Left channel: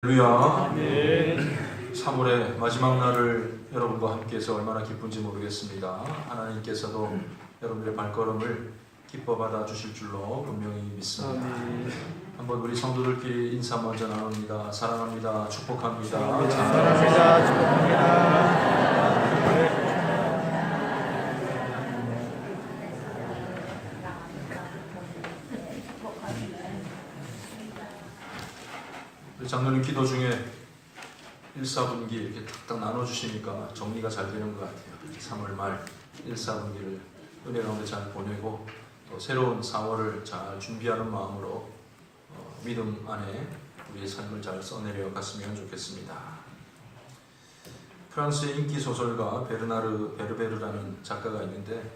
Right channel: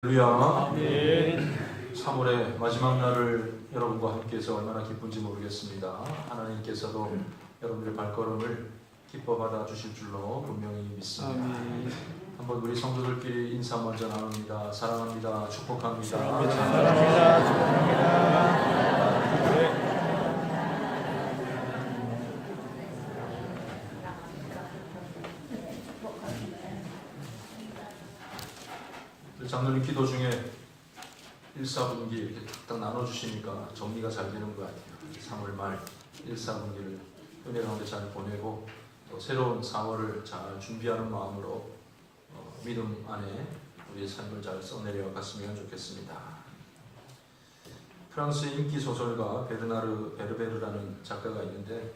할렐루야. 네. 3월의 마지막 날을 여러분과 함께해서 얼마나 기쁜지 모르겠습니다. 하나님께서도 여러분의 발걸음을 기뻐 받아 주실 줄로 분명히 믿습니다. 한번 우리 성도들끼리 인사 먼저 나눕니다. 사랑합니다. 축복합니다. 사랑합니다. 축복합니다. 장로님 기도 중에 1, 4분기 이렇게 딱 나눠주시니까 정리가 잘 되는 것 같아요. 3월 말 1, 4분기를 은혜 가운데 잘 보내고 또 새로운 4월을 잘 준비하는 마음으로 믿음 안에 우리의 삶을 잘 써내려 갔으면 좋겠습니다. 프랑스의 인기 소설가 베르나르 베르베르라는 작가가 있는데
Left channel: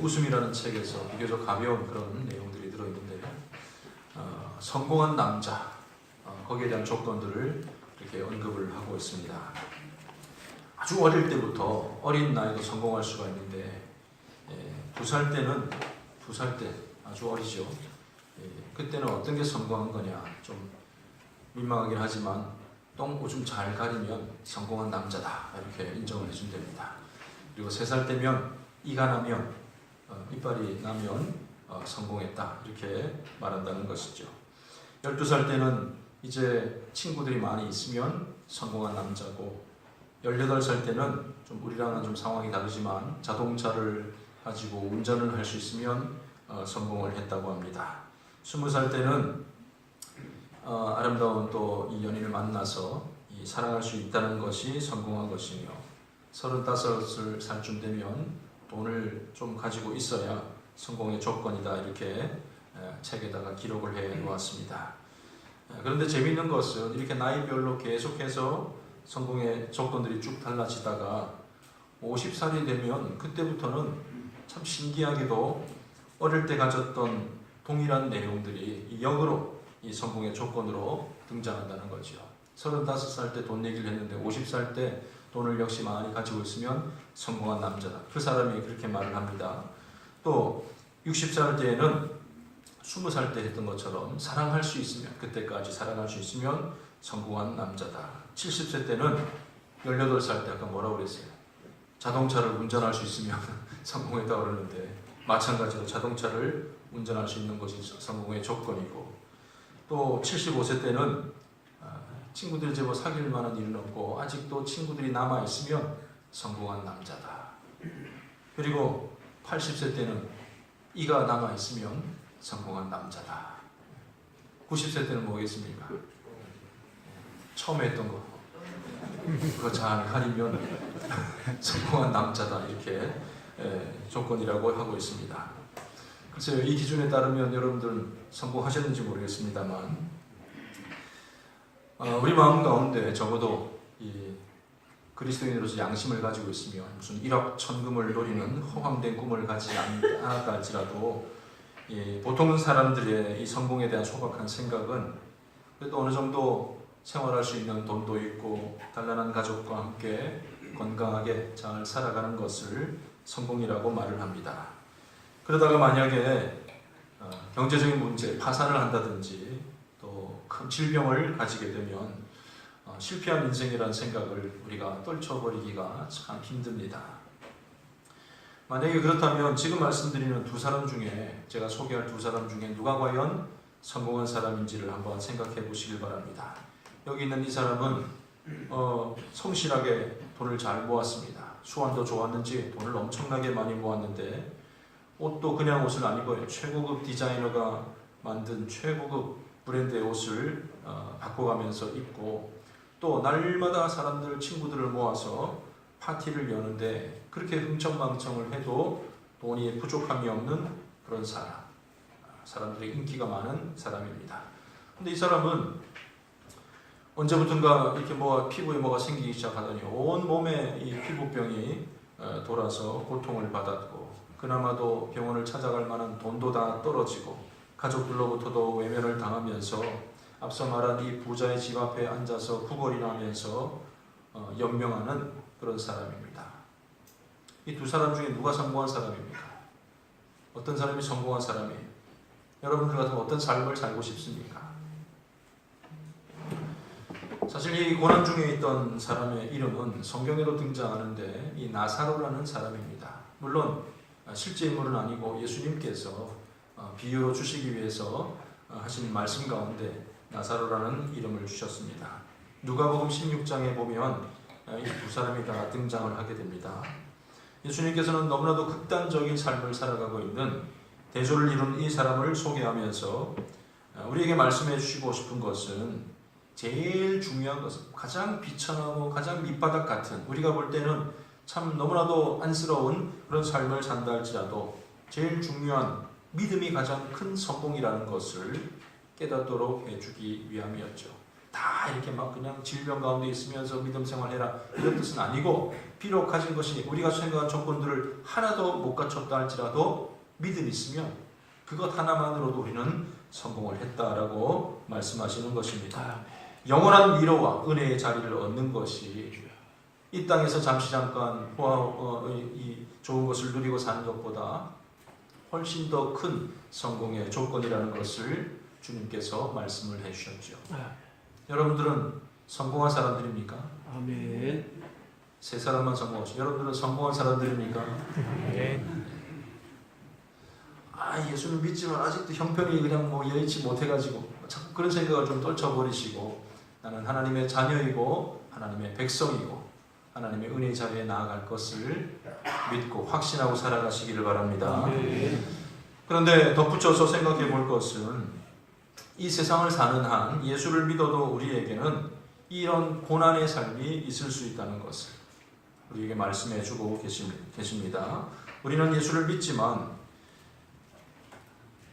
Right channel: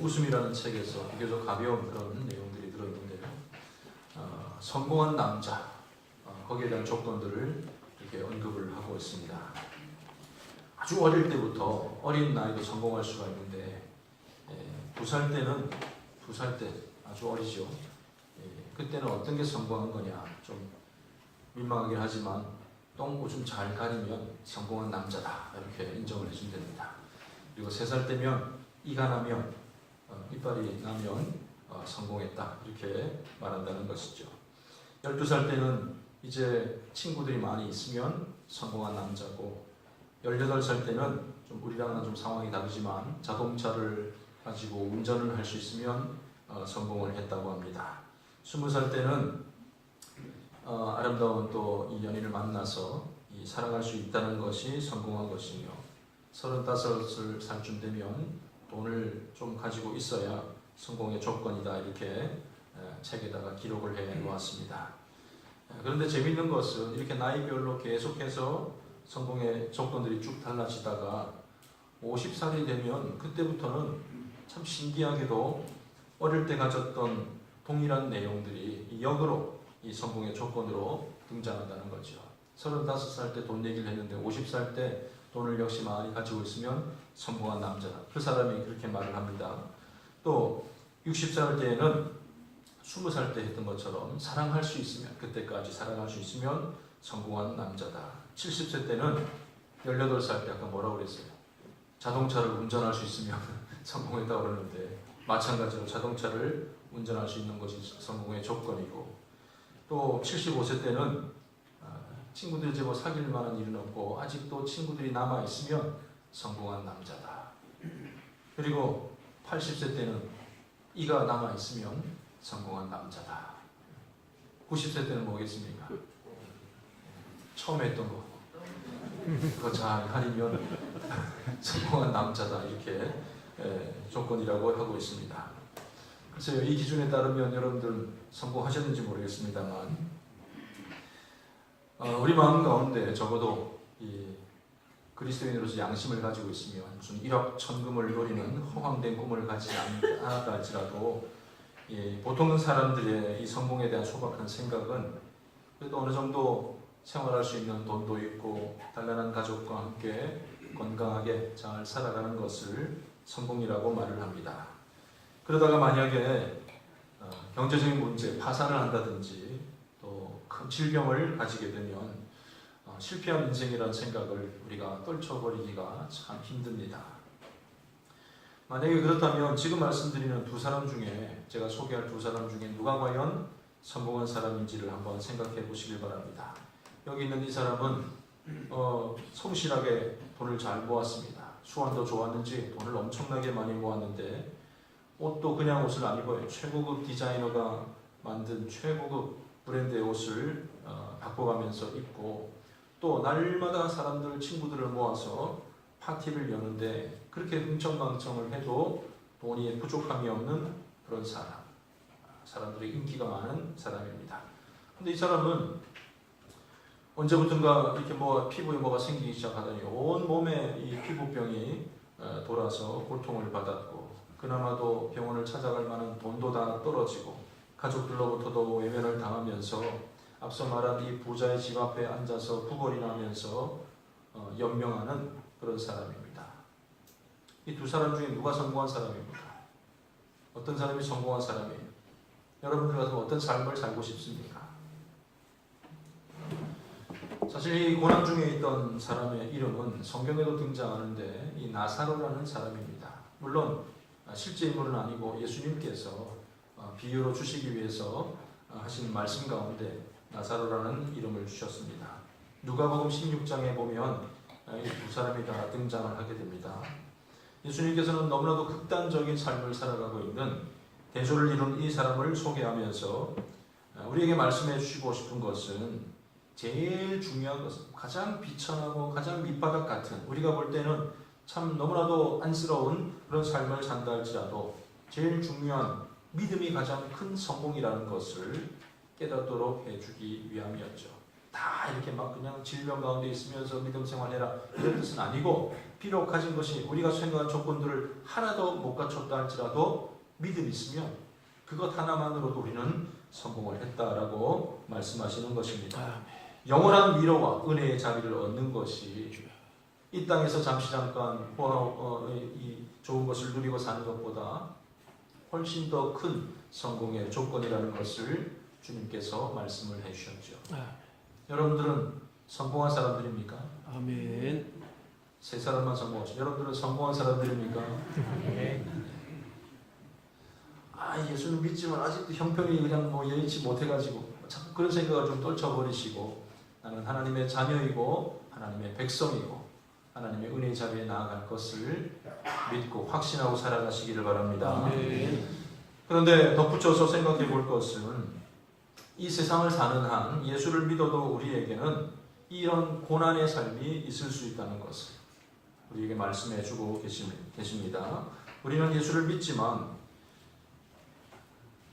웃음이라는 책에서 비교적 가벼운 그런 내용들이 들어있는데 성공한 남자 거기에 대한 조건들을 이렇게 언급을 하고 있습니다. 아주 어릴 때부터 어린 나이도 성공할 수가 있는데 2살 때는 2살 때 아주 어리죠. 그때는 어떤 게 성공한 거냐 좀 민망하긴 하지만 똥오줌 잘 가리면 성공한 남자다 이렇게 인정을 해주면 됩니다. 그리고 3살 때면 이가 나면 이빨이 나면 성공했다 이렇게 말한다는 것이죠. 12살 때는 이제 친구들이 많이 있으면 성공한 남자고 18살 때는 좀 우리랑은 좀 상황이 다르지만 자동차를 가지고 운전을 할 수 있으면 성공을 했다고 합니다. 20살 때는 아름다운 또 이 연인을 만나서 사랑할 수 있다는 것이 성공한 것이며 35살쯤 되면 돈을 좀 가지고 있어야 성공의 조건이다 이렇게 책에다가 기록을 해 놓았습니다. 그런데 재미있는 것은 이렇게 나이별로 계속해서 성공의 조건들이 쭉 달라지다가 50살이 되면 그때부터는 참 신기하게도 어릴 때 가졌던 동일한 내용들이 역으로 이 성공의 조건으로 등장한다는 거죠. 35살 때 돈 얘기를 했는데 50살 때 돈을 역시 많이 가지고 있으면 성공한 남자다. 그 사람이 그렇게 말을 합니다. 또 60살 때에는 20살 때 했던 것처럼 사랑할 수 있으면 그때까지 사랑할 수 있으면 성공한 남자다. 70세 때는 18살 때 아까 뭐라고 그랬어요? 자동차를 운전할 수 있으면 성공했다고 그러는데 마찬가지로 자동차를 운전할 수 있는 것이 성공의 조건이고 또 75세 때는 친구들이 제법 사귈 만한 일은 없고 아직도 친구들이 남아있으면 성공한 남자다. 그리고 80세 때는 이가 남아있으면 성공한 남자다. 90세 때는 뭐겠습니까? 처음 했던 거 그거 잘 가리면 성공한 남자다 이렇게 조건이라고 하고 있습니다. 글쎄요, 이 기준에 따르면 여러분들 성공하셨는지 모르겠습니다만 우리 마음 가운데 적어도 이 그리스도인으로서 양심을 가지고 있으면 무슨 1억 천금을 노리는 허황된 꿈을 가지지 않았다 할지라도 보통 사람들의 이 성공에 대한 소박한 생각은 그래도 어느 정도 생활할 수 있는 돈도 있고 단란한 가족과 함께 건강하게 잘 살아가는 것을 성공이라고 말을 합니다. 그러다가 만약에 경제적인 문제, 파산을 한다든지 또 큰 질병을 가지게 되면 실패한 인생이라는 생각을 우리가 떨쳐버리기가 참 힘듭니다. 만약에 그렇다면 지금 말씀드리는 두 사람 중에 제가 소개할 두 사람 중에 누가 과연 성공한 사람인지를 한번 생각해 보시길 바랍니다. 여기 있는 이 사람은 성실하게 돈을 잘 모았습니다. 수완도 좋았는지 돈을 엄청나게 많이 모았는데 옷도 그냥 옷을 안 입어요. 최고급 디자이너가 만든 최고급 브랜드의 옷을 바꿔가면서 입고 또 날마다 사람들 친구들을 모아서 파티를 여는데 그렇게 흥청망청을 해도 돈이 부족함이 없는 그런 사람들이 인기가 많은 사람입니다. 근데 이 사람은 언제부턴가 이렇게 피부에 뭐가 생기기 시작하더니 온 몸에 이 피부병이 돌아서 고통을 받았고 그나마도 병원을 찾아갈 만한 돈도 다 떨어지고 가족들로부터도 외면을 당하면서 앞서 말한 이 부자의 집 앞에 앉아서 구걸이나 하면서 연명하는 그런 사람입니다. 이 두 사람 중에 누가 성공한 사람입니까? 어떤 사람이 성공한 사람이에요? 여러분들 같으면 어떤 삶을 살고 싶습니까? 사실 이 고난 중에 있던 사람의 이름은 성경에도 등장하는데 이 나사로라는 사람입니다. 물론 실제 인물은 아니고 예수님께서 비유로 주시기 위해서 하신 말씀 가운데 나사로라는 이름을 주셨습니다. 누가복음 16장에 보면 이 두 사람이 다 등장을 하게 됩니다. 예수님께서는 너무나도 극단적인 삶을 살아가고 있는 대조를 이룬 이 사람을 소개하면서 우리에게 말씀해 주시고 싶은 것은 제일 중요한 것은 가장 비천하고 가장 밑바닥 같은 우리가 볼 때는 참 너무나도 안쓰러운 그런 삶을 산다 할지라도 제일 중요한 믿음이 가장 큰 성공이라는 것을 깨닫도록 해주기 위함이었죠. 다 이렇게 막 그냥 질병 가운데 있으면서 믿음 생활해라 이런 뜻은 아니고 비록 가진 것이 우리가 생각한 조건들을 하나도 못 갖췄다 할지라도 믿음이 있으면 그것 하나만으로도 우리는 성공을 했다라고 말씀하시는 것입니다. 영원한 위로와 은혜의 자리를 얻는 것이 이 땅에서 잠시 잠깐 이 좋은 것을 누리고 사는 것보다 훨씬 더 큰 성공의 조건이라는 것을 주님께서 말씀을 해주셨죠. 여러분들은 성공한 사람들입니까? 아멘. 세 사람만 성공하죠. 여러분들은 성공한 사람들입니까? 아멘. 예수님 믿지만 아직도 형편이 그냥 뭐 여의치 못해가지고 자꾸 그런 생각을 좀 떨쳐버리시고 나는 하나님의 자녀이고 하나님의 백성이고 하나님의 은혜의 자리에 나아갈 것을 믿고 확신하고 살아가시기를 바랍니다. 그런데 덧붙여서 생각해 볼 것은 이 세상을 사는 한 예수를 믿어도 우리에게는 이런 고난의 삶이 있을 수 있다는 것을 우리에게 말씀해 주고 계십니다. 우리는 예수를 믿지만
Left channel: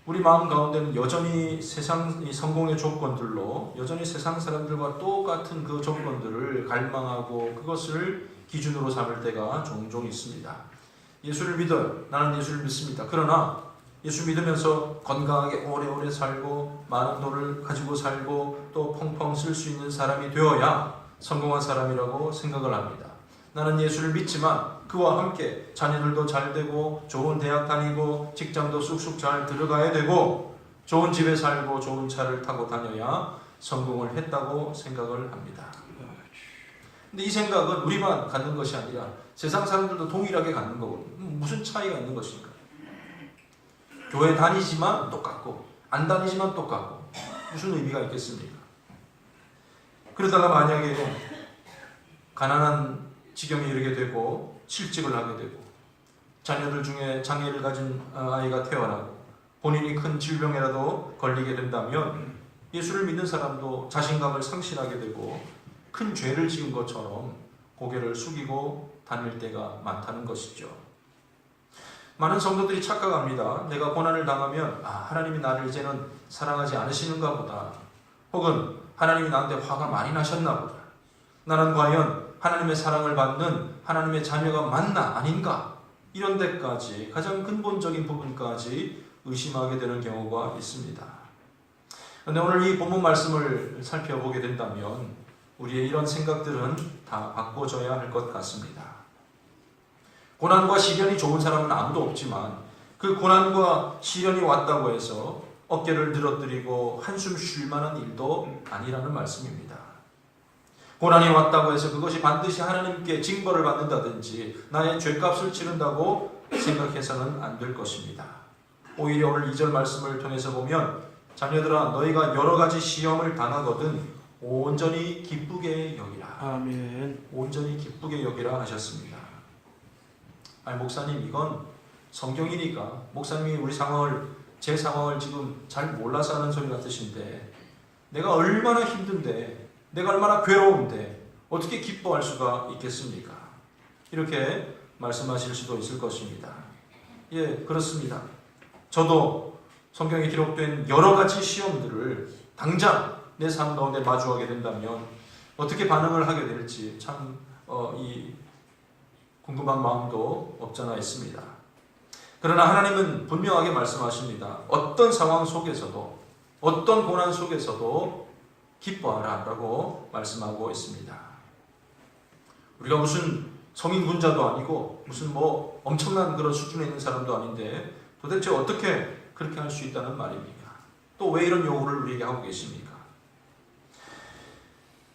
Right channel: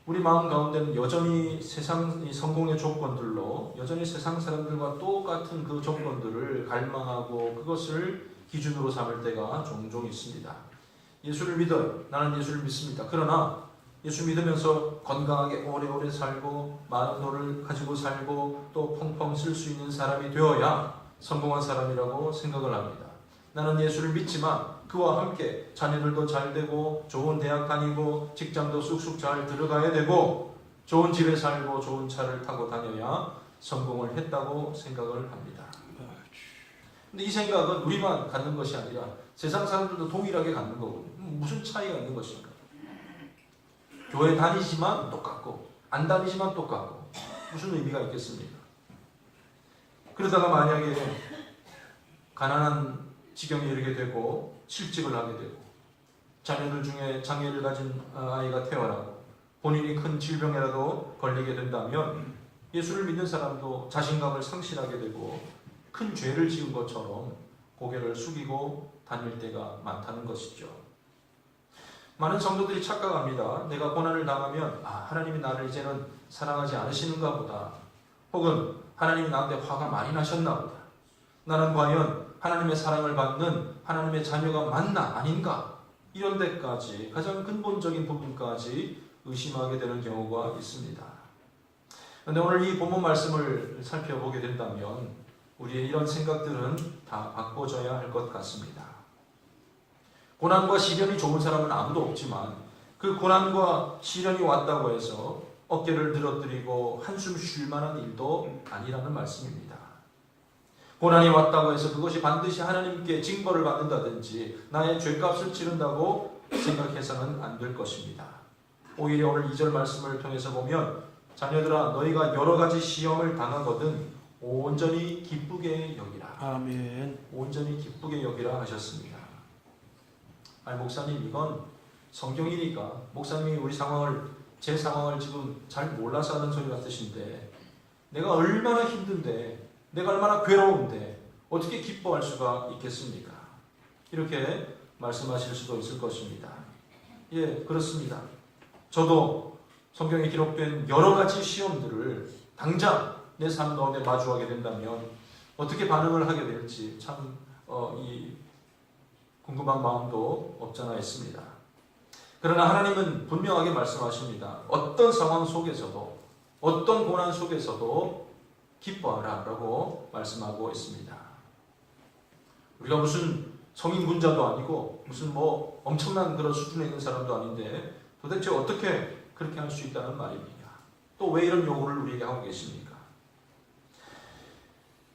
우리 마음 가운데는 여전히 세상 이 성공의 조건들로 여전히 세상 사람들과 똑같은 그 조건들을 갈망하고 그것을 기준으로 삼을 때가 종종 있습니다. 예수를 믿어요. 나는 예수를 믿습니다. 그러나 예수 믿으면서 건강하게 오래오래 살고 많은 돈을 가지고 살고 또 펑펑 쓸 수 있는 사람이 되어야 성공한 사람이라고 생각을 합니다. 나는 예수를 믿지만 그와 함께 자녀들도 잘 되고 좋은 대학 다니고 직장도 쑥쑥 잘 들어가야 되고 좋은 집에 살고 좋은 차를 타고 다녀야 성공을 했다고 생각을 합니다. 근데 이 생각은 우리만 갖는 것이 아니라 세상 사람들도 동일하게 갖는 거고 무슨 차이가 있는 것인가? 교회 다니지만 똑같고 안 다니지만 똑같고 무슨 의미가 있겠습니까? 그러다가 만약에 가난한 지경에 이르게 되고 실직을 하게 되고 자녀들 중에 장애를 가진 아이가 태어나고 본인이 큰 질병에라도 걸리게 된다면 예수를 믿는 사람도 자신감을 상실하게 되고 큰 죄를 지은 것처럼 고개를 숙이고 다닐 때가 많다는 것이죠. 많은 성도들이 착각합니다. 내가 고난을 당하면 하나님이 나를 이제는 사랑하지 않으시는가 보다. 혹은 하나님이 나한테 화가 많이 나셨나 보다. 나는 과연 하나님의 사랑을 받는 하나님의 자녀가 맞나 아닌가? 이런 데까지 가장 근본적인 부분까지 의심하게 되는 경우가 있습니다. 그런데 오늘 이 본문 말씀을 살펴보게 된다면 우리의 이런 생각들은 다 바꿔져야 할 것 같습니다. 고난과 시련이 좋은 사람은 아무도 없지만 그 고난과 시련이 왔다고 해서 어깨를 늘어뜨리고 한숨 쉴 만한 일도 아니라는 말씀입니다. 고난이 왔다고 해서 그것이 반드시 하나님께 징벌을 받는다든지 나의 죄값을 치른다고 생각해서는 안 될 것입니다. 오히려 오늘 2절 말씀을 통해서 보면 자녀들아 너희가 여러 가지 시험을 당하거든 온전히 기쁘게 여기라. 아멘. 온전히 기쁘게 여기라 하셨습니다. 목사님 이건 성경이니까 목사님이 제 상황을 지금 잘 몰라서 하는 소리 같으신데 내가 얼마나 힘든데 내가 얼마나 괴로운데 어떻게 기뻐할 수가 있겠습니까? 이렇게 말씀하실 수도 있을 것입니다. 예, 그렇습니다. 저도 성경에 기록된 여러 가지 시험들을 당장 내 삶 가운데 마주하게 된다면 어떻게 반응을 하게 될지 참 궁금한 마음도 없잖아 있습니다. 그러나 하나님은 분명하게 말씀하십니다. 어떤 상황 속에서도 어떤 고난 속에서도 기뻐하라 라고 말씀하고 있습니다. 우리가 무슨 성인 군자도 아니고 무슨 엄청난 그런 수준에 있는 사람도 아닌데 도대체 어떻게 그렇게 할 수 있다는 말입니까? 또 왜 이런 요구를 우리에게 하고 계십니까?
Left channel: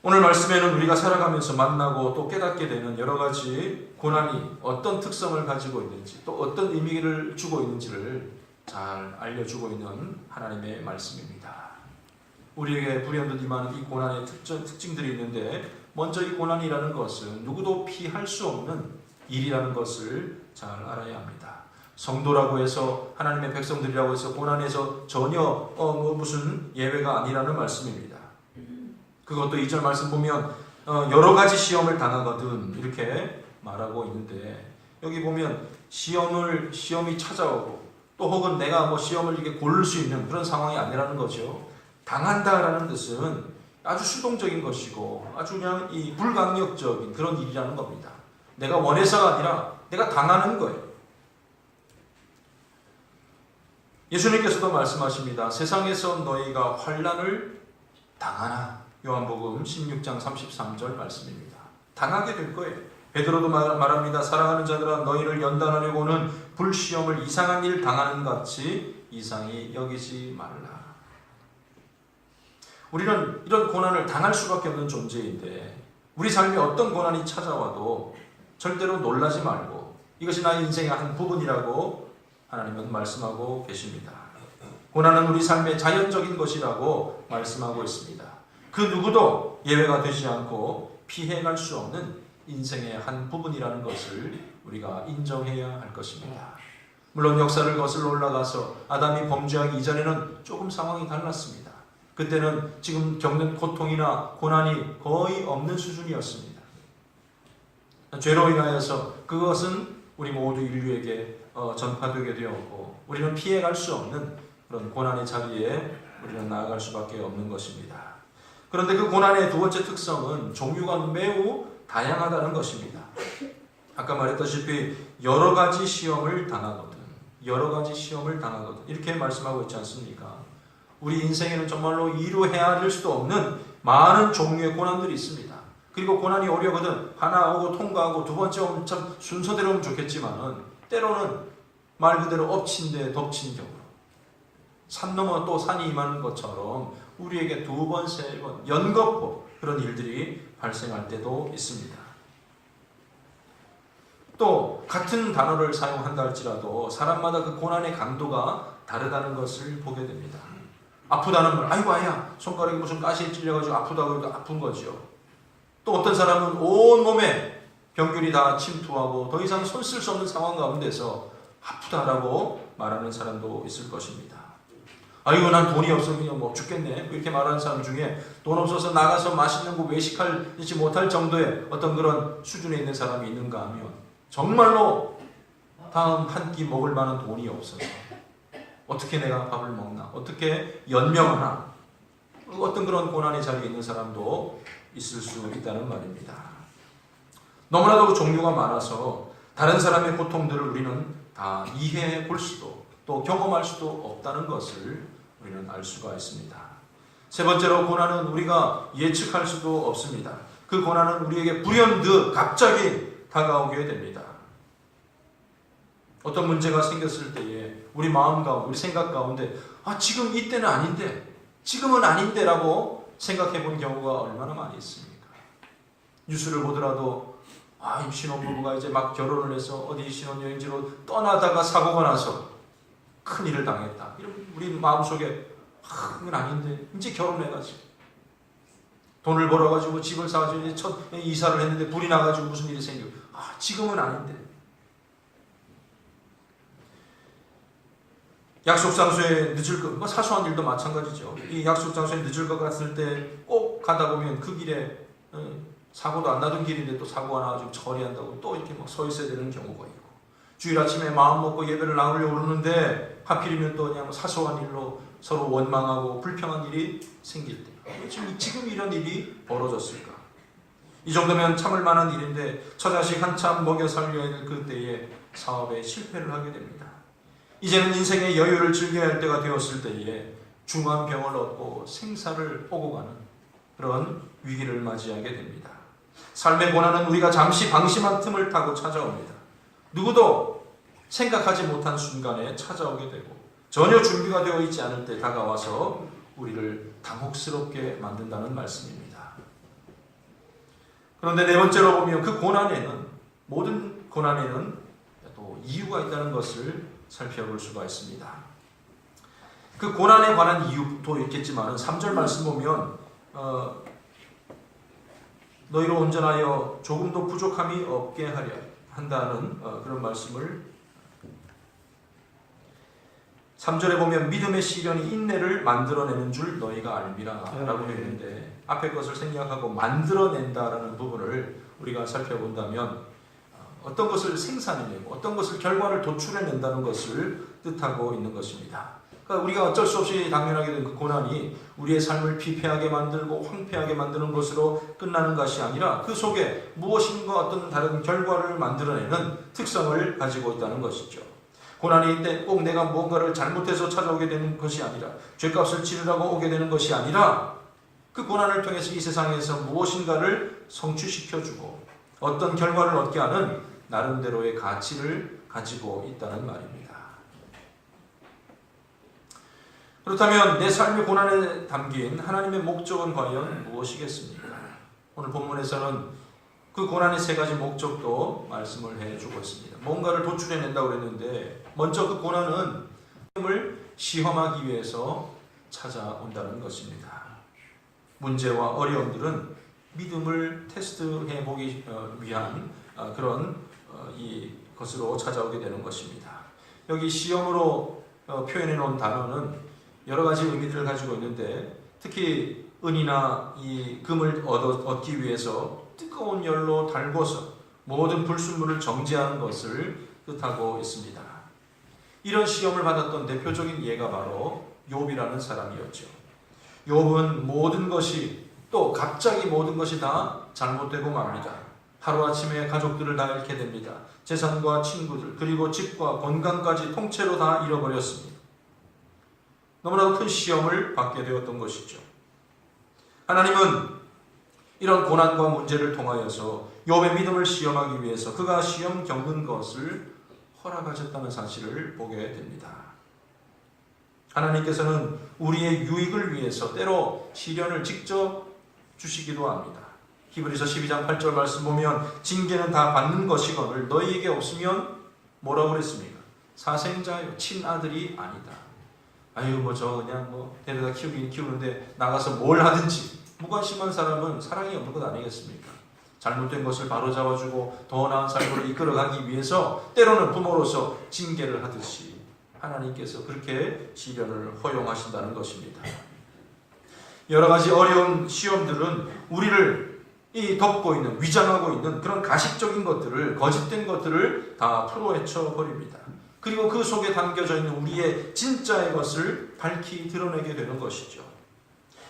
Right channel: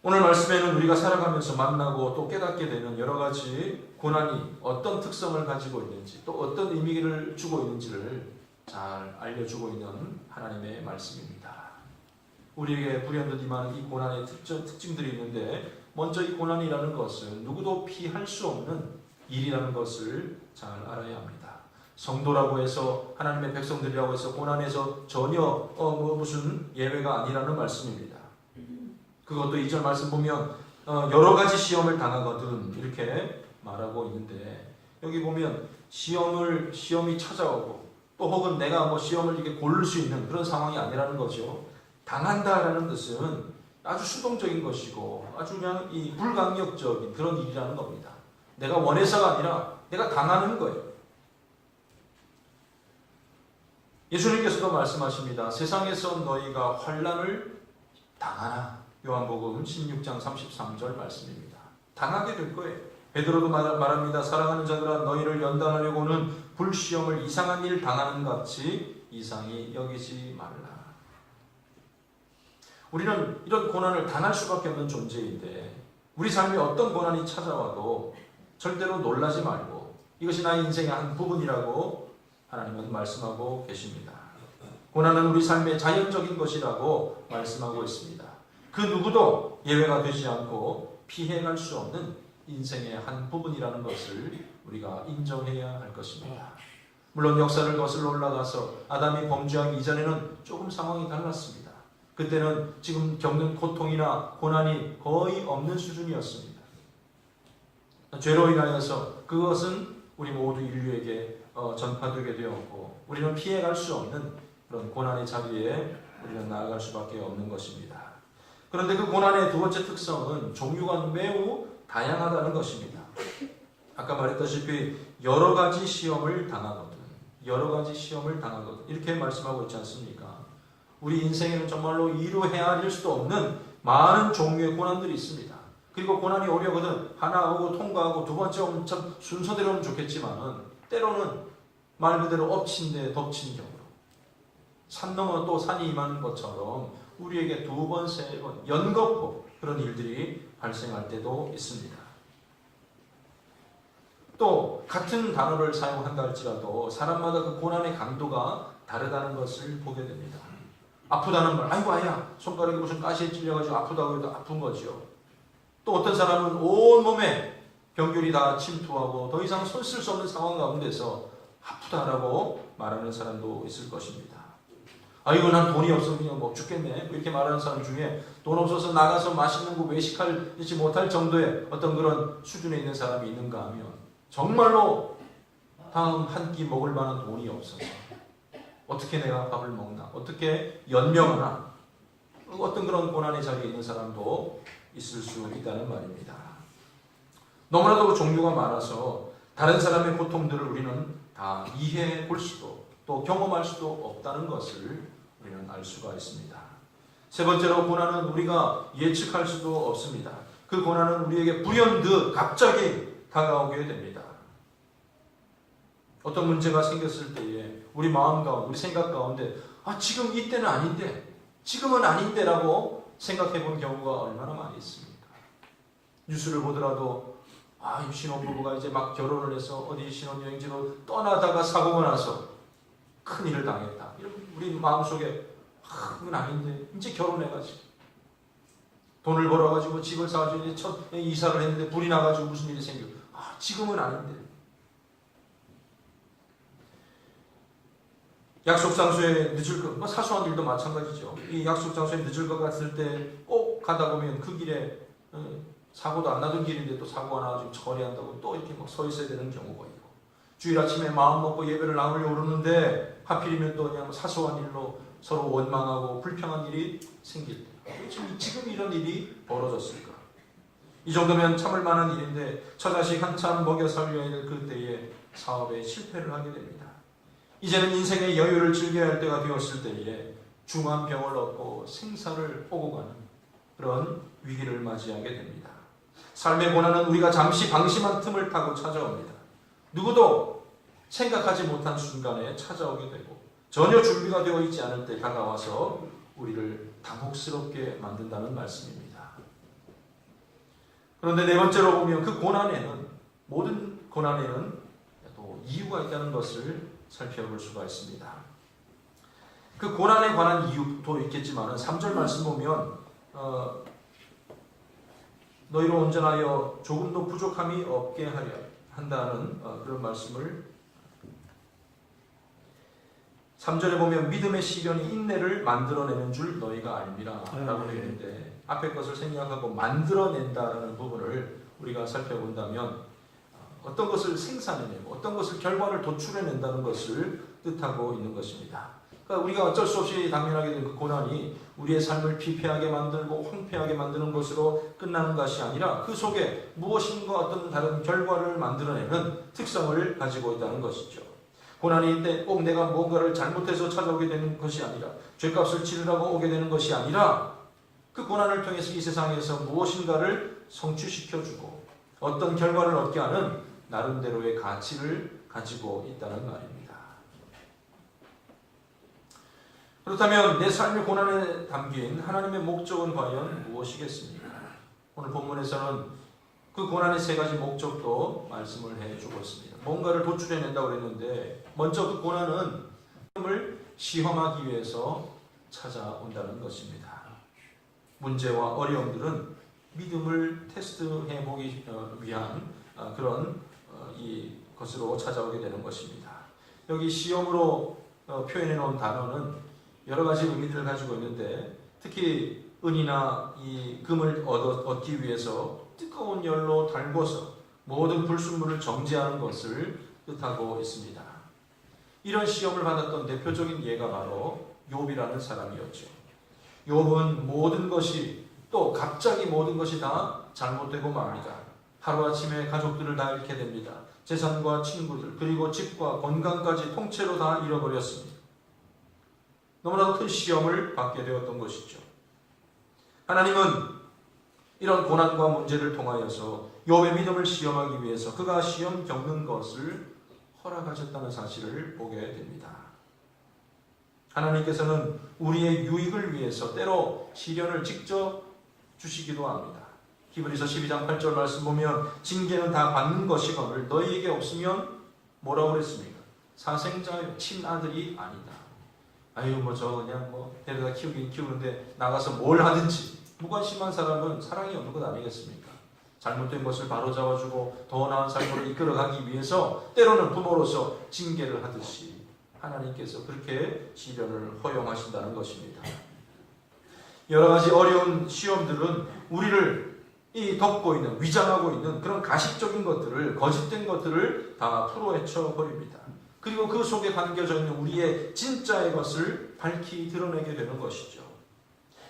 오늘 말씀에는 우리가 살아가면서 만나고 또 깨닫게 되는 여러 가지 고난이 어떤 특성을 가지고 있는지 또 어떤 의미를 주고 있는지를 잘 알려주고 있는 하나님의 말씀입니다. 우리에게 불현듯 임하는 이 고난의 특징들이 있는데 먼저 이 고난이라는 것은 누구도 피할 수 없는 일이라는 것을 잘 알아야 합니다. 성도라고 해서 하나님의 백성들이라고 해서 고난에서 전혀 무슨 예외가 아니라는 말씀입니다. 그것도 2절 말씀 보면 여러 가지 시험을 당하거든 이렇게 말하고 있는데 여기 보면 시험이 찾아오고 또 혹은 내가 뭐 시험을 이렇게 고를 수 있는 그런 상황이 아니라는 거죠. 당한다라는 뜻은 아주 수동적인 것이고 아주 그냥 이 불강력적인 그런 일이라는 겁니다. 내가 원해서가 아니라 내가 당하는 거예요. 예수님께서도 말씀하십니다. 세상에서 너희가 환난을 당하나. 요한복음 16장 33절 말씀입니다. 당하게 될 거예요. 베드로도 말합니다. 사랑하는 자들아 너희를 연단하려고는 불시험을 이상한 일 당하는 같이 이상히 여기지 말라. 우리는 이런 고난을 당할 수밖에 없는 존재인데 우리 삶에 어떤 고난이 찾아와도 절대로 놀라지 말고 이것이 나의 인생의 한 부분이라고 하나님은 말씀하고 계십니다. 고난은 우리 삶의 자연적인 것이라고 말씀하고 있습니다. 그 누구도 예외가 되지 않고 피해갈 수 없는 인생의 한 부분이라는 것을 우리가 인정해야 할 것입니다. 물론 역사를 거슬러 올라가서 아담이 범죄하기 이전에는 조금 상황이 달랐습니다. 그때는 지금 겪는 고통이나 고난이 거의 없는 수준이었습니다. 죄로 인하여서 그것은 우리 모두 인류에게 전파되게 되었고 우리는 피해갈 수 없는 그런 고난의 자리에 우리는 나아갈 수밖에 없는 것입니다. 그런데 그 고난의 두 번째 특성은 종류가 매우 다양하다는 것입니다. 아까 말했다시피 여러 가지 시험을 당하거든. 여러 가지 시험을 당하거든. 이렇게 말씀하고 있지 않습니까? 우리 인생에는 정말로 이루 헤아릴 수도 없는 많은 종류의 고난들이 있습니다. 그리고 고난이 오려거든 하나 오고 통과하고 두 번째 오면 참 순서대로 오면 좋겠지만은 때로는 말 그대로 엎친 데 덮친 경우 산 넘어 또 산이 임하는 것처럼 우리에게 두 번, 세 번 연거푸 그런 일들이 발생할 때도 있습니다. 또 같은 단어를 사용한다 할지라도 사람마다 그 고난의 강도가 다르다는 것을 보게 됩니다. 아프다는 말, 아이고 아야 손가락이 무슨 가시에 찔려가지고 아프다고 해도 아픈 거죠. 또 어떤 사람은 온몸에 병균이 다 침투하고 더 이상 손 쓸 수 없는 상황 가운데서 아프다라고 말하는 사람도 있을 것입니다. 아이고 난 돈이 없어 그냥 뭐 죽겠네 이렇게 말하는 사람 중에 돈 없어서 나가서 맛있는 거 외식하지 못할 정도의 어떤 그런 수준에 있는 사람이 있는가 하면 정말로 다음 한 끼 먹을 만한 돈이 없어서 어떻게 내가 밥을 먹나 어떻게 연명하나 어떤 그런 고난의 자리에 있는 사람도 있을 수 있다는 말입니다. 너무나도 종류가 많아서 다른 사람의 고통들을 우리는 다 이해해 볼 수도 또 경험할 수도 없다는 것을 우리는 알 수가 있습니다. 세 번째로 고난은 우리가 예측할 수도 없습니다. 그 고난은 우리에게 불현듯 갑자기 다가오게 됩니다. 어떤 문제가 생겼을 때에 우리 마음 가운데 우리 생각 가운데 지금 이때는 아닌데 지금은 아닌데라고 생각해 본 경우가 얼마나 많이 있습니까? 뉴스를 보더라도 이 신혼부부가 이제 막 결혼을 해서 어디 신혼여행지로 떠나다가 사고가 나서 큰일을 당했다. 우리 마음속에 그건 아닌데 이제 결혼해가지고 돈을 벌어가지고 집을 사가지고 이제 첫 이사를 했는데 불이 나가지고 무슨 일이 생기고 지금은 아닌데 약속 장소에 늦을 것 사소한 일도 마찬가지죠. 이 약속 장소에 늦을 것 같을 때 꼭 가다 보면 그 길에 사고도 안 나던 길인데 또 사고가 나가지고 처리한다고 또 이렇게 막 서 있어야 되는 경우가 있고 주일 아침에 마음 먹고 예배를 나누려고 그러는데 하필이면 또 그냥 사소한 일로 서로 원망하고 불평한 일이 생길 때 지금 이런 일이 벌어졌을까? 이 정도면 참을 만한 일인데 처자식 한참 먹여 살려야 될 그때에 사업에 실패를 하게 됩니다. 이제는 인생의 여유를 즐겨야 할 때가 되었을 때에 중한 병을 얻고 생사를 오고 가는 그런 위기를 맞이하게 됩니다. 삶의 고난은 우리가 잠시 방심한 틈을 타고 찾아옵니다. 누구도 생각하지 못한 순간에 찾아오게 되고 전혀 준비가 되어 있지 않을 때 다가와서 우리를 당혹스럽게 만든다는 말씀입니다. 그런데 네 번째로 보면 그 고난에는, 모든 고난에는 또 이유가 있다는 것을 살펴볼 수가 있습니다. 그 고난에 관한 이유도 있겠지만 3절 말씀 보면 너희로 온전하여 조금도 부족함이 없게 하려 한다는 그런 말씀을 3절에 보면 믿음의 시련이 인내를 만들어내는 줄 너희가 알미라 라고 되는데, 앞에 것을 생략하고 만들어낸다라는 부분을 우리가 살펴본다면 어떤 것을 생산해내고 어떤 것을 결과를 도출해낸다는 것을 뜻하고 있는 것입니다. 그러니까 우리가 어쩔 수 없이 당면하게 된 그 고난이 우리의 삶을 피폐하게 만들고 황폐하게 만드는 것으로 끝나는 것이 아니라 그 속에 무엇인가 어떤 다른 결과를 만들어내는 특성을 가지고 있다는 것이죠. 고난이 때 꼭 내가 무언가를 잘못해서 찾아오게 되는 것이 아니라, 죄값을 치르라고 오게 되는 것이 아니라, 그 고난을 통해서 이 세상에서 무엇인가를 성취시켜주고 어떤 결과를 얻게 하는 나름대로의 가치를 가지고 있다는 말입니다. 그렇다면 내 삶의 고난에 담긴 하나님의 목적은 과연 무엇이겠습니까? 오늘 본문에서는 그 고난의 세 가지 목적도 말씀을 해주고 있습니다. 뭔가를 도출해낸다고 그랬는데, 먼저 그 고난은 믿음을 시험하기 위해서 찾아온다는 것입니다. 문제와 어려움들은 믿음을 테스트해 보기 위한 그런 이 것으로 찾아오게 되는 것입니다. 여기 시험으로 표현해 놓은 단어는 여러 가지 의미들을 가지고 있는데, 특히 은이나 이 금을 얻기 위해서 뜨거운 열로 달궈서 모든 불순물을 정제하는 것을 뜻하고 있습니다. 이런 시험을 받았던 대표적인 예가 바로 욥이라는 사람이었죠. 욥은 모든 것이, 또 갑자기 모든 것이 다 잘못되고 맙니다. 하루아침에 가족들을 다 잃게 됩니다. 재산과 친구들, 그리고 집과 건강까지 통째로 다 잃어버렸습니다. 너무나도 큰 시험을 받게 되었던 것이죠. 하나님은 이런 고난과 문제를 통하여서 욥의 믿음을 시험하기 위해서 그가 시험 겪는 것을 허락하셨다는 사실을 보게 됩니다. 하나님께서는 우리의 유익을 위해서 때로 시련을 직접 주시기도 합니다. 히브리서 12장 8절 말씀 보면 징계는 다 받는 것이거늘 너희에게 없으면 뭐라고 그랬습니까? 사생자요, 친아들이 아니다. 아유 저 그냥 데려다 키우긴 키우는데 나가서 뭘 하든지, 무관심한 사람은 사랑이 없는 것 아니겠습니까? 잘못된 것을 바로잡아주고 더 나은 삶으로 이끌어가기 위해서 때로는 부모로서 징계를 하듯이 하나님께서 그렇게 시련을 허용하신다는 것입니다. 여러 가지 어려운 시험들은 우리를 덮고 있는, 위장하고 있는 그런 가식적인 것들을, 거짓된 것들을 다 풀어헤쳐 버립니다. 그리고 그 속에 담겨져 있는 우리의 진짜의 것을 밝히 드러내게 되는 것이죠.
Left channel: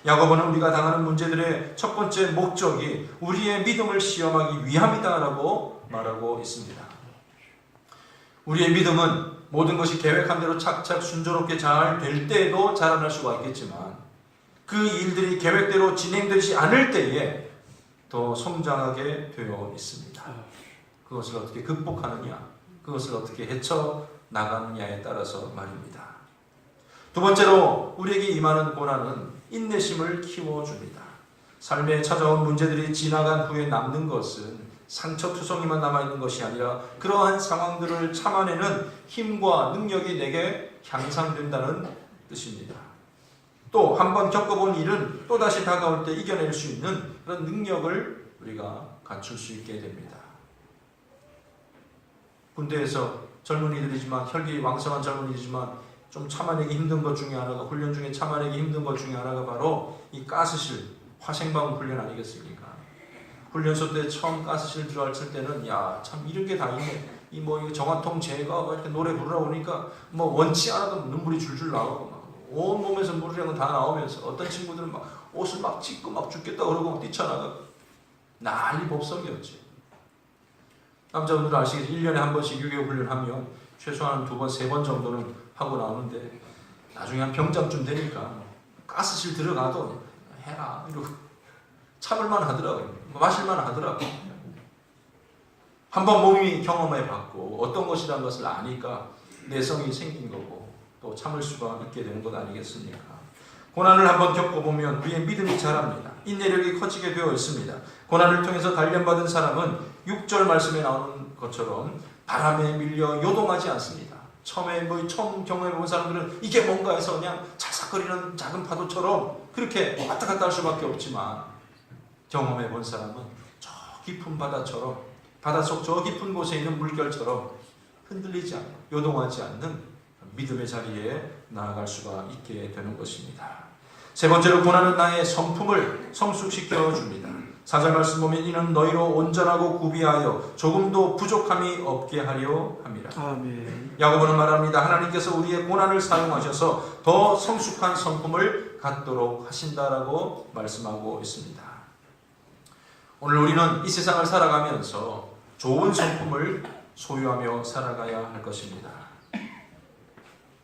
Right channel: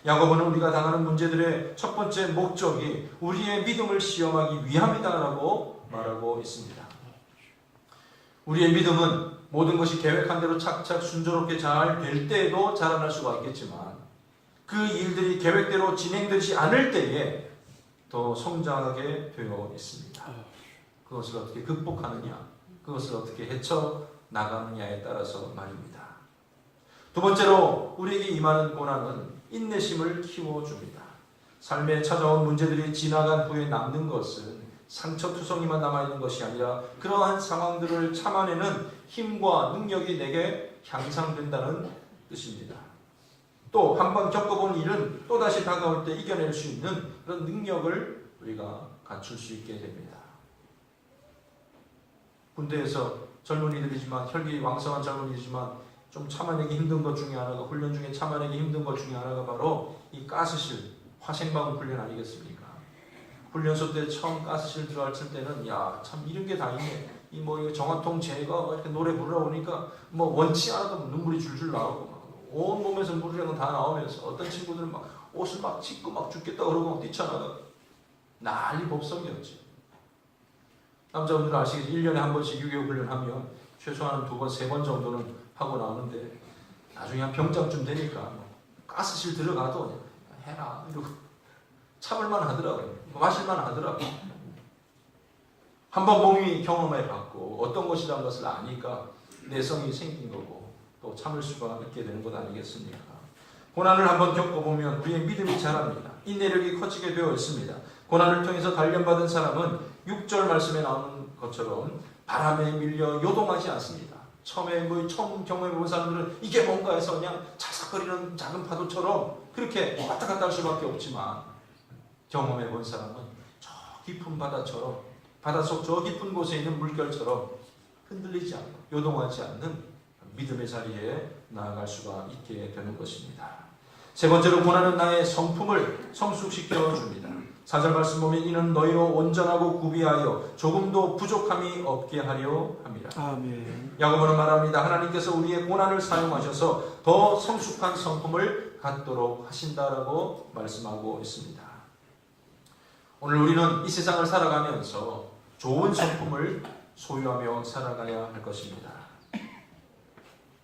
야고보는 우리가 당하는 문제들의 첫 번째 목적이 우리의 믿음을 시험하기 위함이다라고 말하고 있습니다. 우리의 믿음은 모든 것이 계획한 대로 착착 순조롭게 잘 될 때에도 자라날 수가 있겠지만, 그 일들이 계획대로 진행되지 않을 때에 더 성장하게 되어 있습니다. 그것을 어떻게 극복하느냐, 그것을 어떻게 헤쳐나가느냐에 따라서 말입니다. 두 번째로 우리에게 임하는 고난은 인내심을 키워줍니다. 삶에 찾아온 문제들이 지나간 후에 남는 것은 상처투성이만 남아있는 것이 아니라 그러한 상황들을 참아내는 힘과 능력이 내게 향상된다는 뜻입니다. 또 한 번 겪어본 일은 또다시 다가올 때 이겨낼 수 있는 그런 능력을 우리가 갖출 수 있게 됩니다. 군대에서 젊은이들이지만, 혈기 왕성한 젊은이지만 좀 참아내기 힘든 것 중에 하나가, 훈련 중에 참아내기 힘든 것 중에 하나가 바로 이 가스실, 화생방 훈련 아니겠습니까? 훈련소 때 처음 가스실 들어갔을 때는 야, 참 이런 게 다 있네. 이 정화통 제거 이렇게 노래 부르라 보니까 원치 않아도 눈물이 줄줄 나오고 온 몸에서 물이랑 다 나오면서 어떤 친구들은 막 옷을 막 찢고 막 죽겠다 그러고 막 뛰쳐나가고 난리 법석이었지. 남자분들은 아시겠지? 1년에 한 번씩 유교 훈련하면 최소한 2번, 3번 정도는 하고 나오는데 나중에 한 병장쯤 되니까 가스실 들어가도 해라 이러고 참을만 하더라고요. 마실만 하더라고요. 한번 몸이 경험해봤고 어떤 것이라는 것을 아니까 내성이 생긴 거고 또 참을 수가 있게 되는 것 아니겠습니까? 고난을 한번 겪어보면 우리의 믿음이 자랍니다. 인내력이 커지게 되어 있습니다. 고난을 통해서 단련받은 사람은 6절 말씀에 나오는 것처럼 바람에 밀려 요동하지 않습니다. 처음 경험해 본 사람들은 이게 뭔가 해서 그냥 자삭거리는 작은 파도처럼 그렇게 왔다 갔다 할 수밖에 없지만, 경험해 본 사람은 저 깊은 바다처럼, 바닷속 저 깊은 곳에 있는 물결처럼 흔들리지 않고 요동하지 않는 믿음의 자리에 나아갈 수가 있게 되는 것입니다. 세 번째로, 고난은 나의 성품을 성숙시켜 줍니다. 4절 말씀 보면 이는 너희로 온전하고 구비하여 조금도 부족함이 없게 하려 합니다. 아멘. 야고보는 말합니다. 하나님께서 우리의 고난을 사용하셔서 더 성숙한 성품을 갖도록 하신다라고 말씀하고 있습니다. 오늘 우리는 이 세상을 살아가면서 좋은 성품을 소유하며 살아가야 할 것입니다.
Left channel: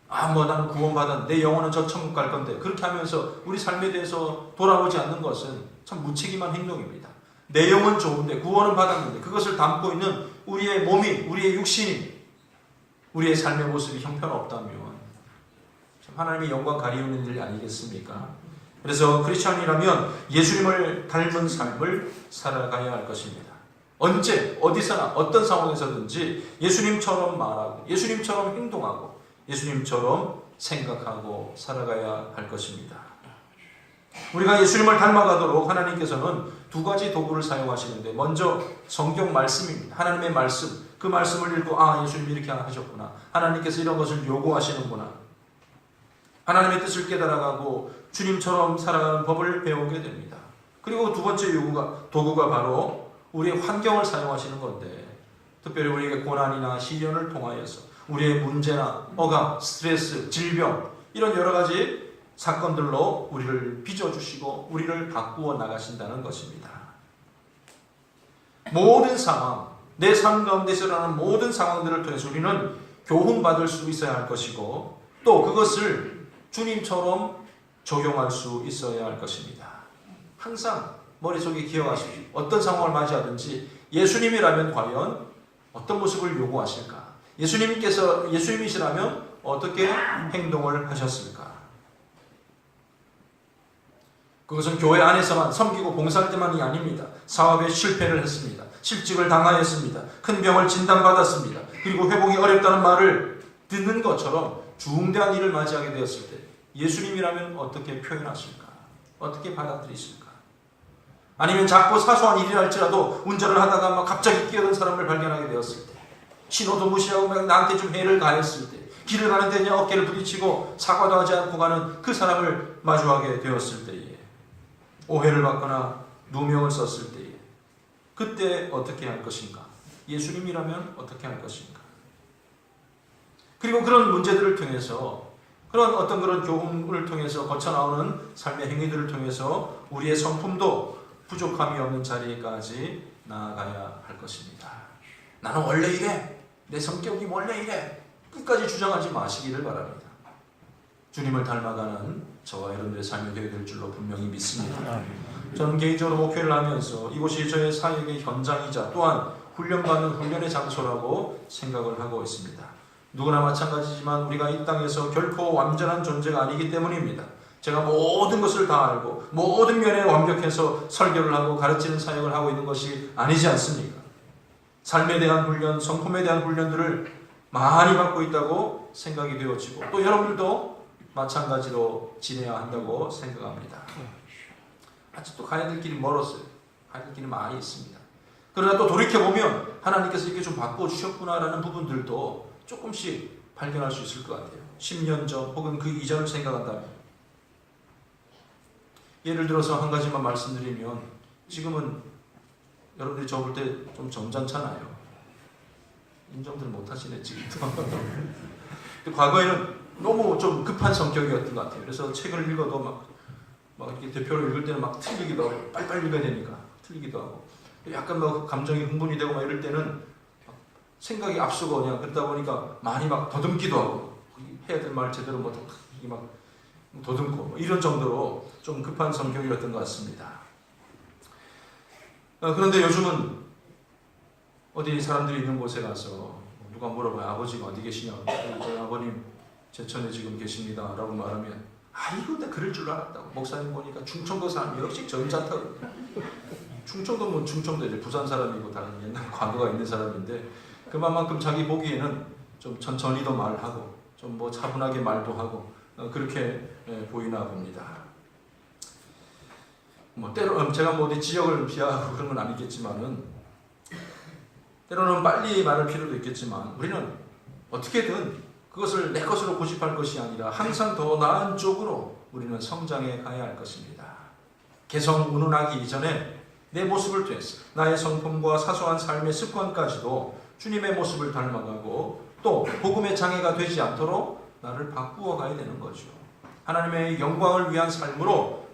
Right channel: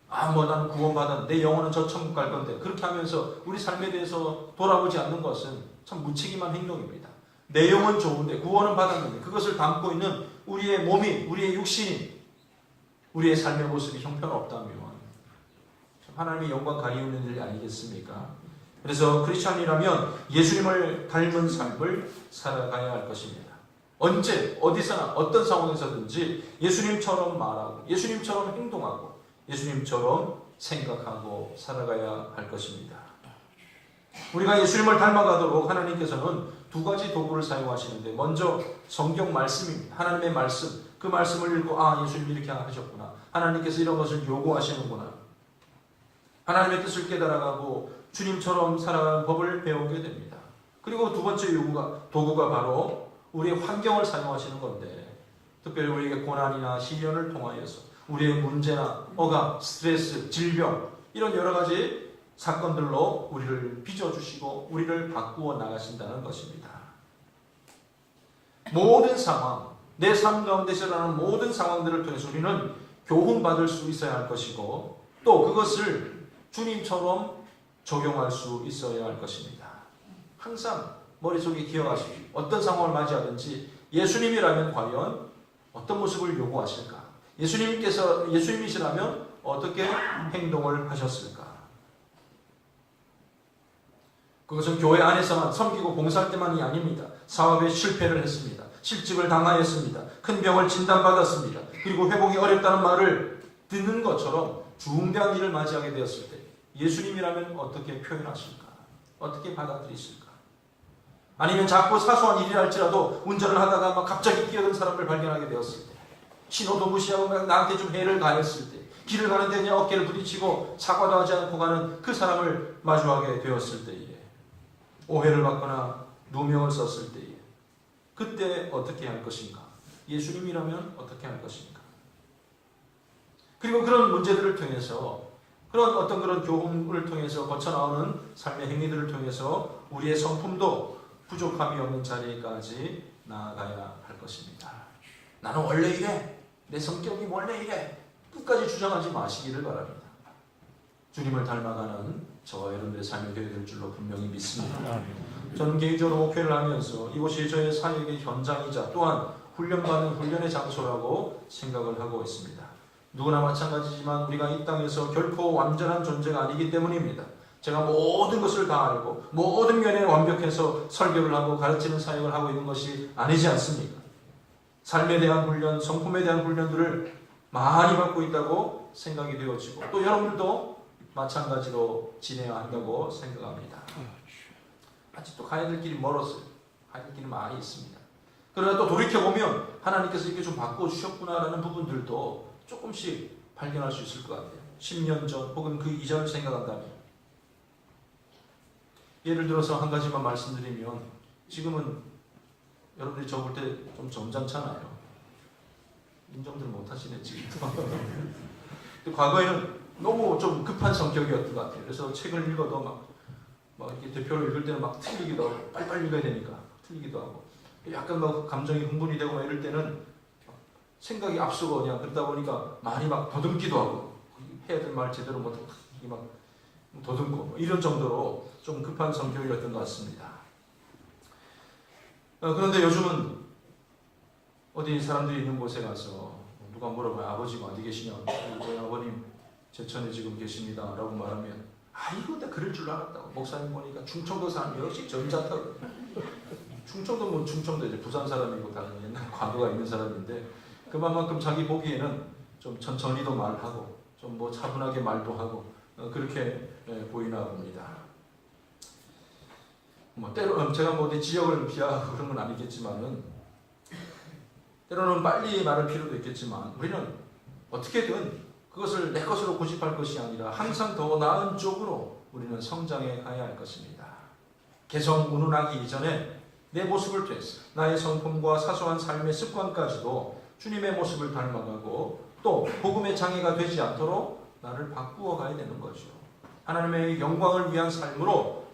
나는 구원받은 내 영혼은 저 천국 갈 건데, 그렇게 하면서 우리 삶에 대해서 돌아보지 않는 것은 참 무책임한 행동입니다. 내 영은 좋은데, 구원은 받았는데, 그것을 담고 있는 우리의 몸이, 우리의 육신이, 우리의 삶의 모습이 형편없다면 하나님의 영광 가리우는 일이 아니겠습니까? 그래서 크리스찬이라면 예수님을 닮은 삶을 살아가야 할 것입니다. 언제, 어디서나, 어떤 상황에서든지 예수님처럼 말하고, 예수님처럼 행동하고, 예수님처럼 생각하고 살아가야 할 것입니다. 우리가 예수님을 닮아가도록 하나님께서는 두 가지 도구를 사용하시는데, 먼저 성경 말씀입니다. 하나님의 말씀, 그 말씀을 읽고 예수님이 이렇게 하셨구나, 하나님께서 이런 것을 요구하시는구나, 하나님의 뜻을 깨달아가고 주님처럼 살아가는 법을 배우게 됩니다. 그리고 두 번째 도구가 바로 우리의 환경을 사용하시는 건데, 특별히 우리에게 고난이나 시련을 통하여서 우리의 문제나 억압, 스트레스, 질병, 이런 여러 가지 사건들로 우리를 빚어주시고 우리를 바꾸어 나가신다는 것입니다. 모든 상황, 내 삶 가운데서 일어나는 모든 상황들을 통해서 우리는 교훈받을 수 있어야 할 것이고, 또 그것을 주님처럼 적용할 수 있어야 할 것입니다. 항상 머릿속에 기억하십시오. 어떤 상황을 맞이하든지 예수님이라면 과연 어떤 모습을 요구하실까? 예수님이시라면 어떻게 행동을 하셨을까? 그것은 교회 안에서만 섬기고 봉사할 때만이 아닙니다. 사업에 실패를 했습니다. 실직을 당하였습니다. 큰 병을 진단받았습니다. 그리고 회복이 어렵다는 말을 듣는 것처럼 중대한 일을 맞이하게 되었을 때 예수님이라면 어떻게 표현하실까? 어떻게 받아들이실까? 아니면 작고 사소한 일이라 할지라도 운전을 하다가 갑자기 끼어든 사람을 발견하게 되었을 때, 신호도 무시하고 나한테 좀 해를 가했을 때, 길을 가는데 그냥 어깨를 부딪히고 사과도 하지 않고 가는 그 사람을 마주하게 되었을 때에, 오해를 받거나 누명을 썼을 때에, 그때 어떻게 할 것인가? 예수님이라면 어떻게 할 것인가? 그리고 그런 문제들을 통해서, 그런 교훈을 통해서 거쳐나오는 삶의 행위들을 통해서 우리의 성품도 부족함이 없는 자리까지 나아가야 할 것입니다. 나는 원래 이래, 내 성격이 원래 이래, 끝까지 주장하지 마시기를 바랍니다. 주님을 닮아가는 저와 여러분들의 삶이 되어야 될 줄로 분명히 믿습니다. 저는 개인적으로 목회를 하면서 이곳이 저의 사역의 현장이자 또한 훈련받는 훈련의 장소라고 생각을 하고 있습니다. 누구나 마찬가지지만 우리가 이 땅에서 결코 완전한 존재가 아니기 때문입니다. 제가 모든 것을 다 알고 모든 면에 완벽해서 설교를 하고 가르치는 사역을 하고 있는 것이 아니지 않습니까? 삶에 대한 훈련, 성품에 대한 훈련들을 많이 받고 있다고 생각이 되어지고, 또 여러분도 마찬가지로 지내야 한다고 생각합니다. 아직도 가야 될 길이 멀었어요. 가야 될 길이 많이 있습니다. 그러나 또 돌이켜보면 하나님께서 이렇게 좀 바꿔주셨구나라는 부분들도 조금씩 발견할 수 있을 것 같아요. 10년 전 혹은 그 이전을 생각한다면, 예를 들어서 한 가지만 말씀드리면, 지금은 여러분들이 저 볼 때 좀 점잖잖아요. 인정들 못하시네 지금. 근데 과거에는 너무 좀 급한 성격이었던 것 같아요. 그래서 책을 읽어도 막 이렇게 대표로 읽을 때는 막 틀리기도 하고, 빨리빨리 읽어야 되니까 틀리기도 하고, 약간 막 감정이 흥분이 되고 막 이럴 때는 생각이 앞서고 그냥 그러다 보니까 많이 막 더듬기도 하고, 해야 될 말 제대로 막 더듬고 이런 정도로 좀 급한 성격이었던 것 같습니다. 그런데 요즘은 어디 사람들이 있는 곳에 가서 누가 물어봐요. 아버지가 어디 계시냐고. 저희 아버님 제천에 지금 계십니다 라고 말하면 아이고 내가 그럴 줄 알았다고. 목사님 보니까 충청도 사람 역시 점잖다고. 충청도면 충청도지 부산 사람이고 다른 옛날 과거가 있는 사람인데 그만큼 자기 보기에는 좀 천천히도 말하고 좀 뭐 차분하게 말도 하고 그렇게 보이나 봅니다. 뭐 때로 제가 뭐 어디 지역을 비하하고 그런 건 아니겠지만은 때로는 빨리 말할 필요도 있겠지만 우리는 어떻게든 그것을 내 것으로 고집할 것이 아니라 항상 더 나은 쪽으로 우리는 성장해 가야 할 것입니다. 개성 운운하기 이전에 내 모습을 통해서 나의 성품과 사소한 삶의 습관까지도 주님의 모습을 닮아가고 또 복음의 장애가 되지 않도록 나를 바꾸어 가야 되는 거죠. 하나님의 영광을 위한 삶으로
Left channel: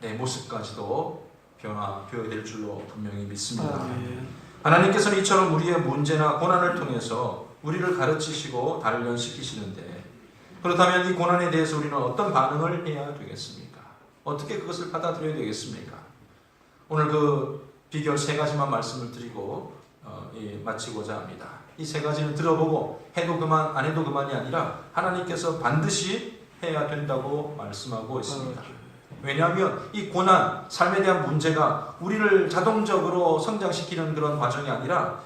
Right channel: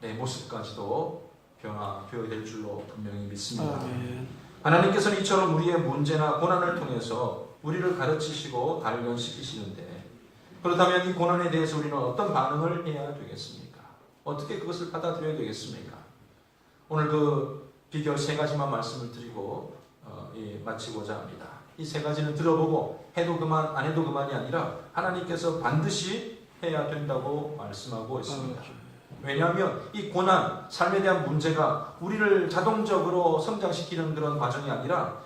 내 모습까지도 변화될 줄로 분명히 믿습니다. 하나님께서는 이처럼 우리의 문제나 고난을 통해서 우리를 가르치시고 단련시키시는데 그렇다면 이 고난에 대해서 우리는 어떤 반응을 해야 되겠습니까? 어떻게 그것을 받아들여야 되겠습니까? 오늘 그 비결 3가지만 말씀을 드리고 마치고자 합니다. 이 3가지는 들어보고 해도 그만 안 해도 그만이 아니라 하나님께서 반드시 해야 된다고 말씀하고 있습니다. 왜냐하면 이 고난, 삶에 대한 문제가 우리를 자동적으로 성장시키는 그런 과정이 아니라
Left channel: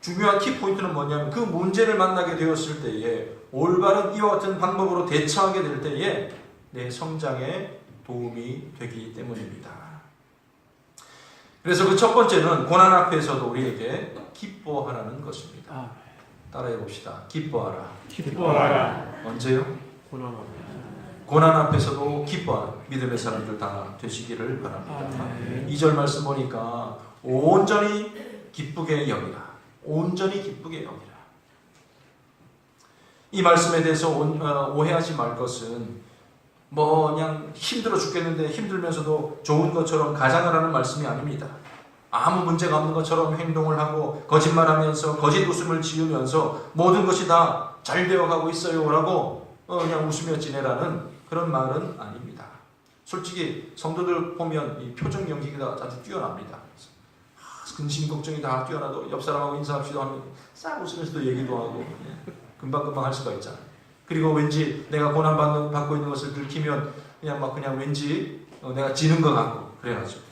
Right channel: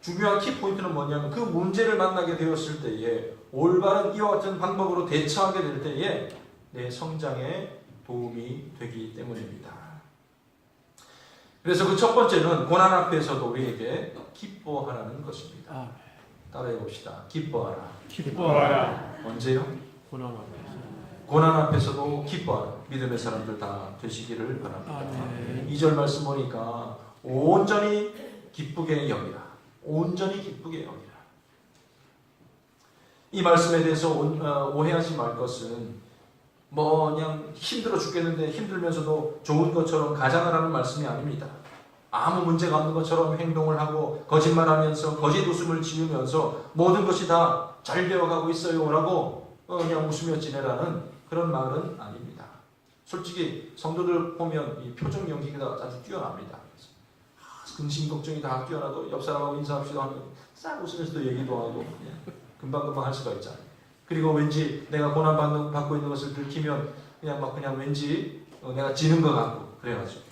중요한 키포인트는 뭐냐면 그 문제를 만나게 되었을 때에 올바른 이와 같은 방법으로 대처하게 될 때에 내 성장에 도움이 되기 때문입니다. 그래서 그 첫 번째는 고난 앞에서도 우리에게 기뻐하라는 것입니다. 따라해 봅시다. 기뻐하라. 기뻐하라. 언제요? 고난 앞에. 고난 앞에서도 기뻐하라. 믿음의 사람들 다 되시기를 바랍니다. 2절 말씀 보니까 온전히 기쁘게 여기라. 온전히 기쁘게 여기라. 이 말씀에 대해서 오해하지 말 것은 뭐 그냥 힘들어 죽겠는데 힘들면서도 좋은 것처럼 가장하라는 말씀이 아닙니다. 아무 문제가 없는 것처럼 행동을 하고 거짓말하면서 거짓 웃음을 지으면서 모든 것이 다 잘 되어가고 있어요 라고 그냥 웃으며 지내라는 그런 말은 아닙니다. 솔직히 성도들 보면 이 표정 연기가 아주 뛰어납니다. 근심 걱정이 다 뛰어나도 옆 사람하고 인사합시다 하면 싹 웃으면서도 얘기도 하고 금방금방 할 수가 있잖아요. 그리고 왠지 내가 고난 받고 있는 것을 들키면 그냥 왠지 내가 지는 것 같고 그래가지고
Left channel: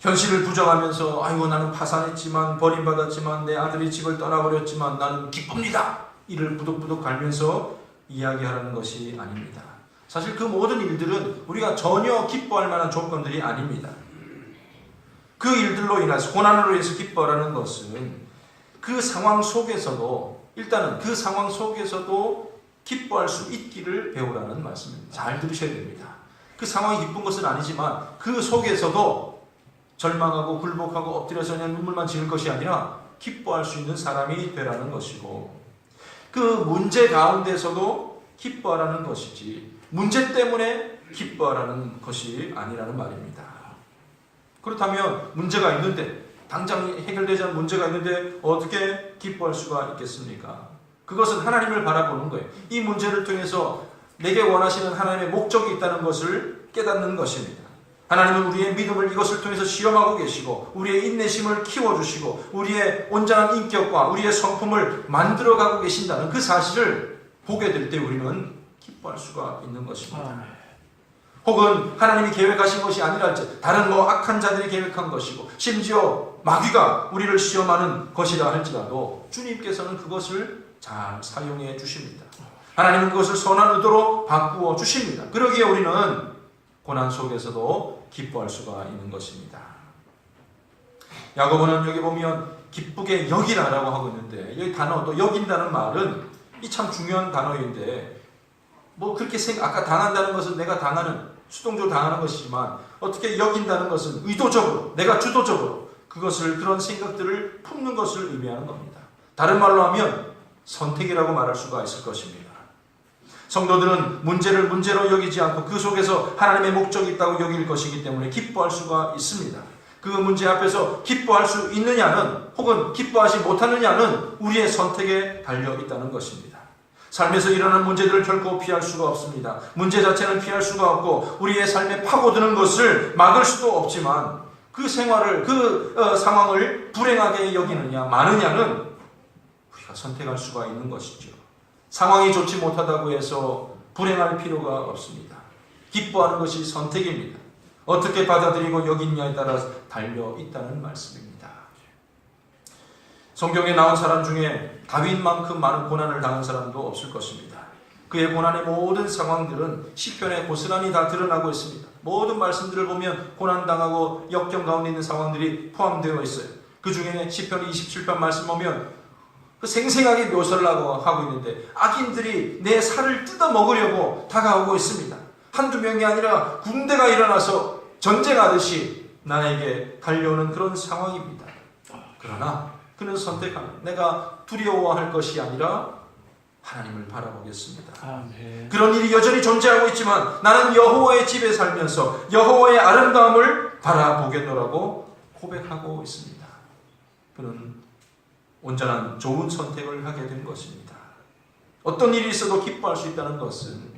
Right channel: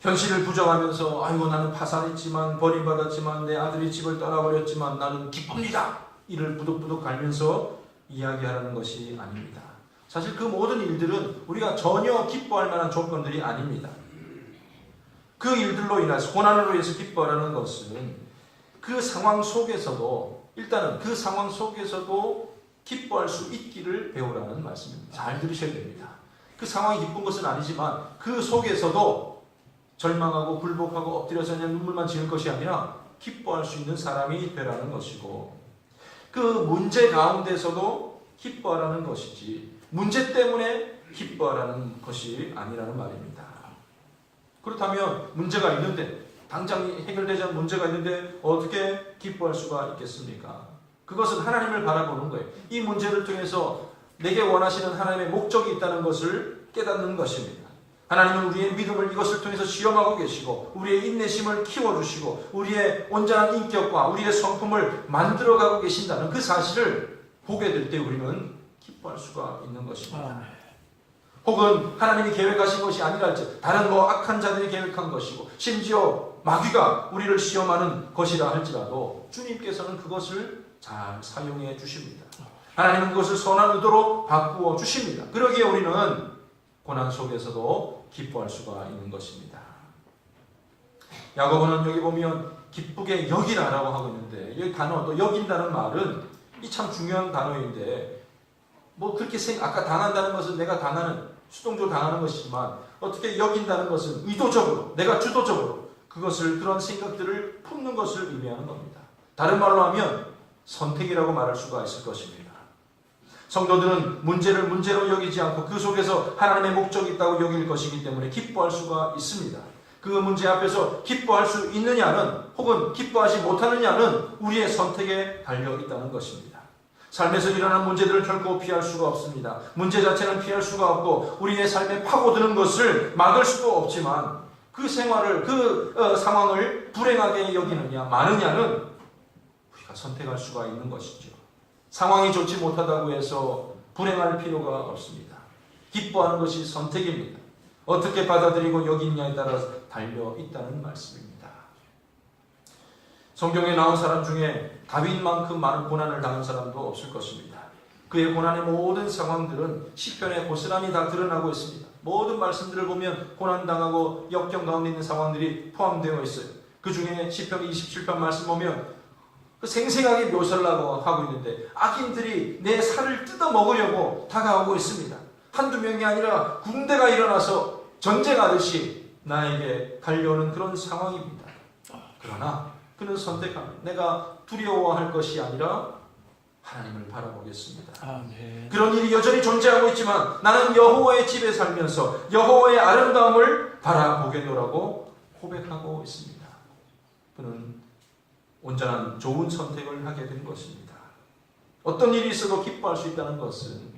현실을 부정하면서 아이고 나는 파산했지만 버림받았지만 내 아들이 집을 떠나버렸지만 나는 기쁩니다. 이를 부득부득 갈면서 이야기하는 것이 아닙니다. 사실 그 모든 일들은 우리가 전혀 기뻐할 만한 조건들이 아닙니다. 그 일들로 인해서 고난으로 인해서 기뻐하라는 것은 그 상황 속에서도 일단은 그 상황 속에서도 기뻐할 수 있기를 배우라는 말씀입니다. 잘 들으셔야 됩니다. 그 상황이 기쁜 것은 아니지만 그 속에서도 절망하고 굴복하고 엎드려서 그냥 눈물만 지을 것이 아니라 기뻐할 수 있는 사람이 되라는 것이고 그 문제 가운데서도 기뻐하라는 것이지 문제 때문에 기뻐하라는 것이 아니라는 말입니다. 그렇다면 문제가 있는데 당장 해결되지 않은 문제가 있는데 어떻게 기뻐할 수가 있겠습니까? 그것은 하나님을 바라보는 거예요. 이 문제를 통해서 내게 원하시는 하나님의 목적이 있다는 것을 깨닫는 것입니다. 하나님은 우리의 믿음을 이것을 통해서 시험하고 계시고 우리의 인내심을 키워주시고 우리의 온전한 인격과 우리의 성품을 만들어가고 계신다는 그 사실을 보게 될 때 우리는 기뻐할 수가 있는 것입니다. 혹은 하나님이 계획하신 것이 아니랄지 다른 악한 자들이 계획한 것이고 심지어 마귀가 우리를 시험하는 것이라 할지라도 주님께서는 그것을 잘 사용해 주십니다. 하나님은 그것을 선한 의도로 바꾸어 주십니다. 그러기에 우리는 고난 속에서도 기뻐할 수가 있는 것입니다. 야고보는 여기 보면 기쁘게 여기라라고 하고 있는데 여기 단어도 여긴다는 말은 이 참 중요한 단어인데 그렇게 아까 당한다는 것은 내가 당하는 수동적으로 당하는 것이지만 어떻게 여긴다는 것은 의도적으로 내가 주도적으로 그런 생각들을 품는 것을 의미하는 겁니다. 다른 말로 하면 선택이라고 말할 수가 있을 것입니다. 성도들은 문제를 문제로 여기지 않고 그 속에서 하나님의 목적이 있다고 여길 것이기 때문에 기뻐할 수가 있습니다. 그 문제 앞에서 기뻐할 수 있느냐는 혹은 기뻐하지 못하느냐는 우리의 선택에 달려 있다는 것입니다. 삶에서 일어나는 문제들을 결코 피할 수가 없습니다. 문제 자체는 피할 수가 없고 우리의 삶에 파고드는 것을 막을 수도 없지만 그 생활을 상황을 불행하게 여기느냐 마느냐는 우리가 선택할 수가 있는 것이죠. 상황이 좋지 못하다고 해서 불행할 필요가 없습니다. 기뻐하는 것이 선택입니다. 어떻게 받아들이고 여기냐에 따라 달려 있다는 말씀입니다. 성경에 나온 사람 중에 다윗만큼 많은 고난을 당한 사람도 없을 것입니다. 그의 고난의 모든 상황들은 시편에 고스란히 다 드러나고 있습니다. 모든 말씀들을 보면 고난당하고 역경 가운데 있는 상황들이 포함되어 있어요. 그 중에 시편 27편 말씀 보면 그 생생하게 묘사를 하고 있는데 악인들이 내 살을 뜯어먹으려고 다가오고 있습니다. 한두 명이 아니라 군대가 일어나서 전쟁하듯이 나에게 달려오는 그런 상황입니다. 그러나 그는 선택합니다. 내가 두려워할 것이 아니라 하나님을 바라보겠습니다. 아멘. 그런 일이 여전히 존재하고 있지만 나는 여호와의 집에 살면서 여호와의 아름다움을 바라보겠노라고 고백하고 있습니다. 그는 온전한 좋은 선택을 하게 된 것입니다. 어떤 일이 있어도 기뻐할 수 있다는 것은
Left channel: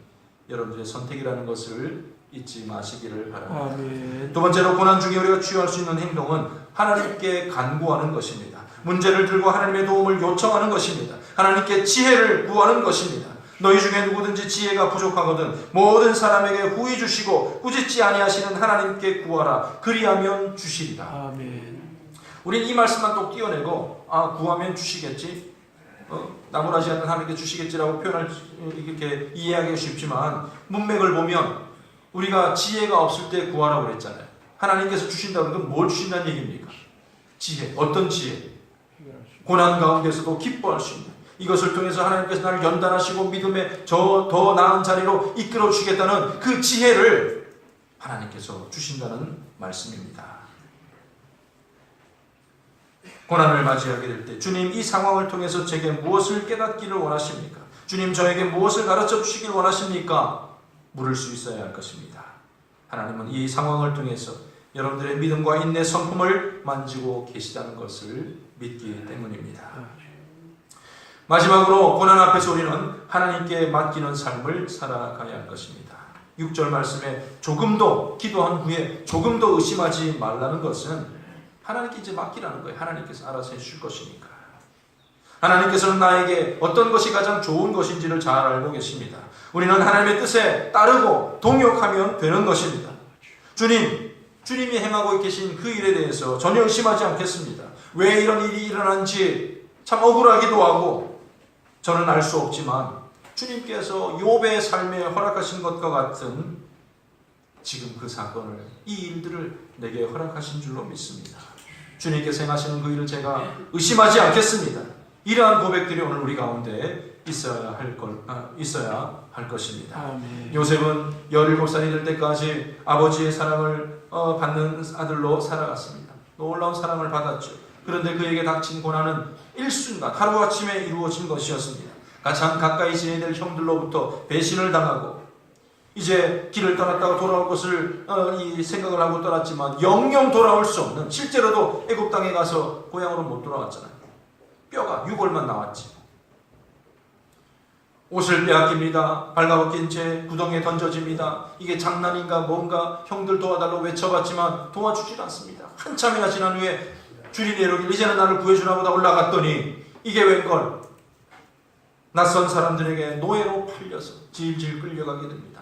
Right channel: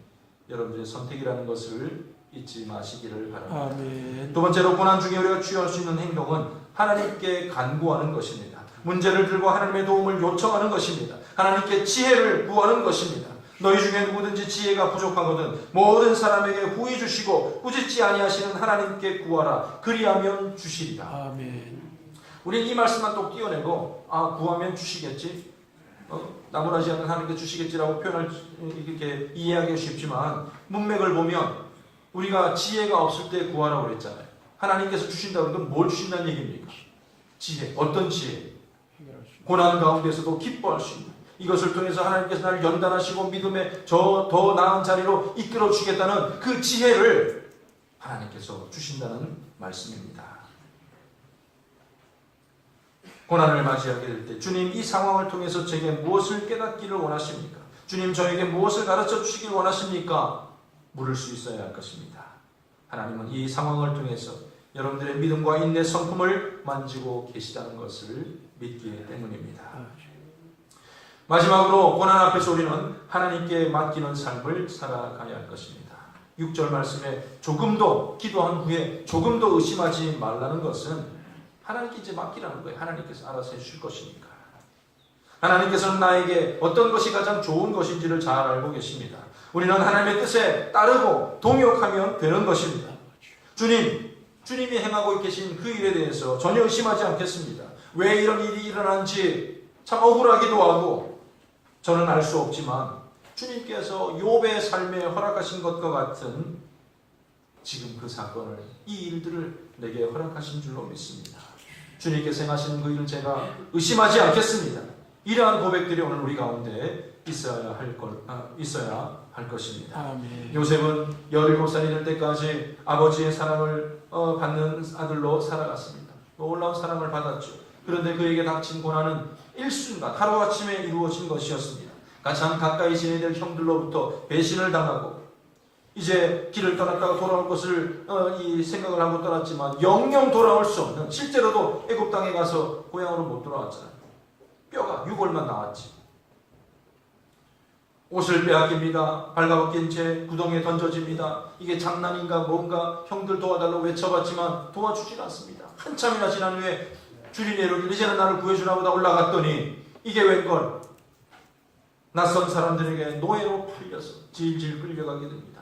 여러분들의 선택이라는 것을 잊지 마시기를 바랍니다. 아멘. 두 번째로 고난 중에 우리가 취할 수 있는 행동은 하나님께 간구하는 것입니다. 문제를 들고 하나님의 도움을 요청하는 것입니다. 하나님께 지혜를 구하는 것입니다. 너희 중에 누구든지 지혜가 부족하거든 모든 사람에게 후히 주시고 꾸짖지 아니하시는 하나님께 구하라. 그리하면 주시리라. 아멘. 우리는 이 말씀만 또 띄어내고 구하면 주시겠지, 나무라지 않는 하나님께 주시겠지라고 표현을 이렇게 이해하기 쉽지만 문맥을 보면 우리가 지혜가 없을 때 구하라고 그랬잖아요. 하나님께서 주신다는 건 뭘 주신다는 얘기입니까? 지혜. 어떤 지혜? 고난 가운데서도 기뻐할 수 있는, 이것을 통해서 하나님께서 나를 연단하시고 믿음의 더 나은 자리로 이끌어 주겠다는 그 지혜를 하나님께서 주신다는 말씀입니다. 고난을 맞이하게 될 때 주님 이 상황을 통해서 제게 무엇을 깨닫기를 원하십니까? 주님 저에게 무엇을 가르쳐 주시길 원하십니까? 물을 수 있어야 할 것입니다. 하나님은 이 상황을 통해서 여러분들의 믿음과 인내 성품을 만지고 계시다는 것을 믿기 때문입니다. 마지막으로 고난 앞에서 우리는 하나님께 맡기는 삶을 살아가야 할 것입니다. 6절 말씀에 조금도 기도한 후에 조금도 의심하지 말라는 것은 하나님께 이제 맡기라는 거예요. 하나님께서 알아서 해주실 것이니까. 하나님께서는 나에게 어떤 것이 가장 좋은 것인지를 잘 알고 계십니다. 우리는 하나님의 뜻에 따르고 동역하면 되는 것입니다. 주님이 행하고 계신 그 일에 대해서 전혀 의심하지 않겠습니다. 왜 이런 일이 일어난지 참 억울하기도 하고 저는 알 수 없지만 주님께서 욥의 삶에 허락하신 것과 같은 지금 그 사건을, 이 일들을 내게 허락하신 줄로 믿습니다. 주님께서 행하시는 그 일을 제가 의심하지 않겠습니다. 이러한 고백들이 오늘 우리 가운데 있어야 할 것입니다. 아멘. 요셉은 17살이 될 때까지 아버지의 사랑을 받는 아들로 살아갔습니다. 놀라운 사랑을 받았죠. 그런데 그에게 닥친 고난은 일순간 하루아침에 이루어진 것이었습니다. 가장 가까이 지내야 될 형들로부터 배신을 당하고 이제 길을 떠났다가 돌아올 것을 이 생각을 하고 떠났지만 영영 돌아올 수 없는, 실제로도 애굽 땅에 가서 고향으로 못 돌아왔잖아요. 뼈가 유골만 나왔지. 옷을 빼앗깁니다. 발가벗긴 채 구덩이에 던져집니다. 이게 장난인가 뭔가 형들 도와달라고 외쳐봤지만 도와주질 않습니다. 한참이나 지난 후에 주님 이르기를 이제는 나를 구해주라고 다 올라갔더니 이게 웬걸, 낯선 사람들에게 노예로 팔려서 질질 끌려가게 됩니다.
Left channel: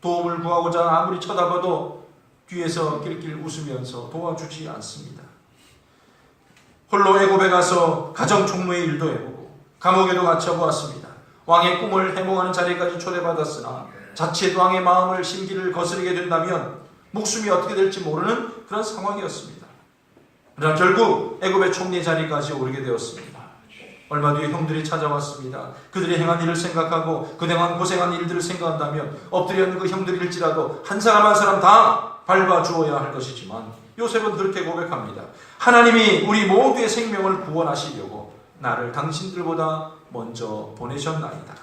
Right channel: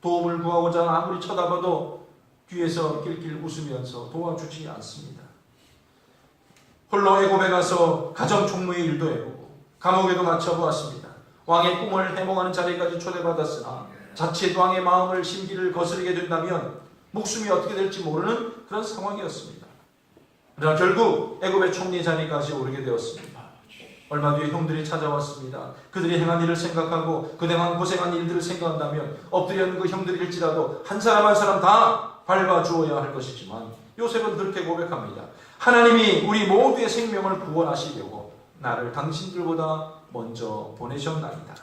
도움을 구하고자 아무리 쳐다봐도 뒤에서 낄낄 웃으면서 도와주지 않습니다. 홀로 애굽에 가서 가정 총무의 일도 해보고 감옥에도 갇혀보았습니다. 왕의 꿈을 해몽하는 자리까지 초대받았으나 자칫 왕의 마음을 심기를 거스르게 된다면 목숨이 어떻게 될지 모르는 그런 상황이었습니다. 그러나 결국 애굽의 총리 자리까지 오르게 되었습니다. 얼마 뒤에 형들이 찾아왔습니다. 그들이 행한 일을 생각하고 그동안 고생한 일들을 생각한다면 엎드려 있는 그 형들일지라도 한 사람 한 사람 다 밟아주어야 할 것이지만 요셉은 그렇게 고백합니다. 하나님이 우리 모두의 생명을 구원하시려고 나를 당신들보다 먼저 보내셨나이다.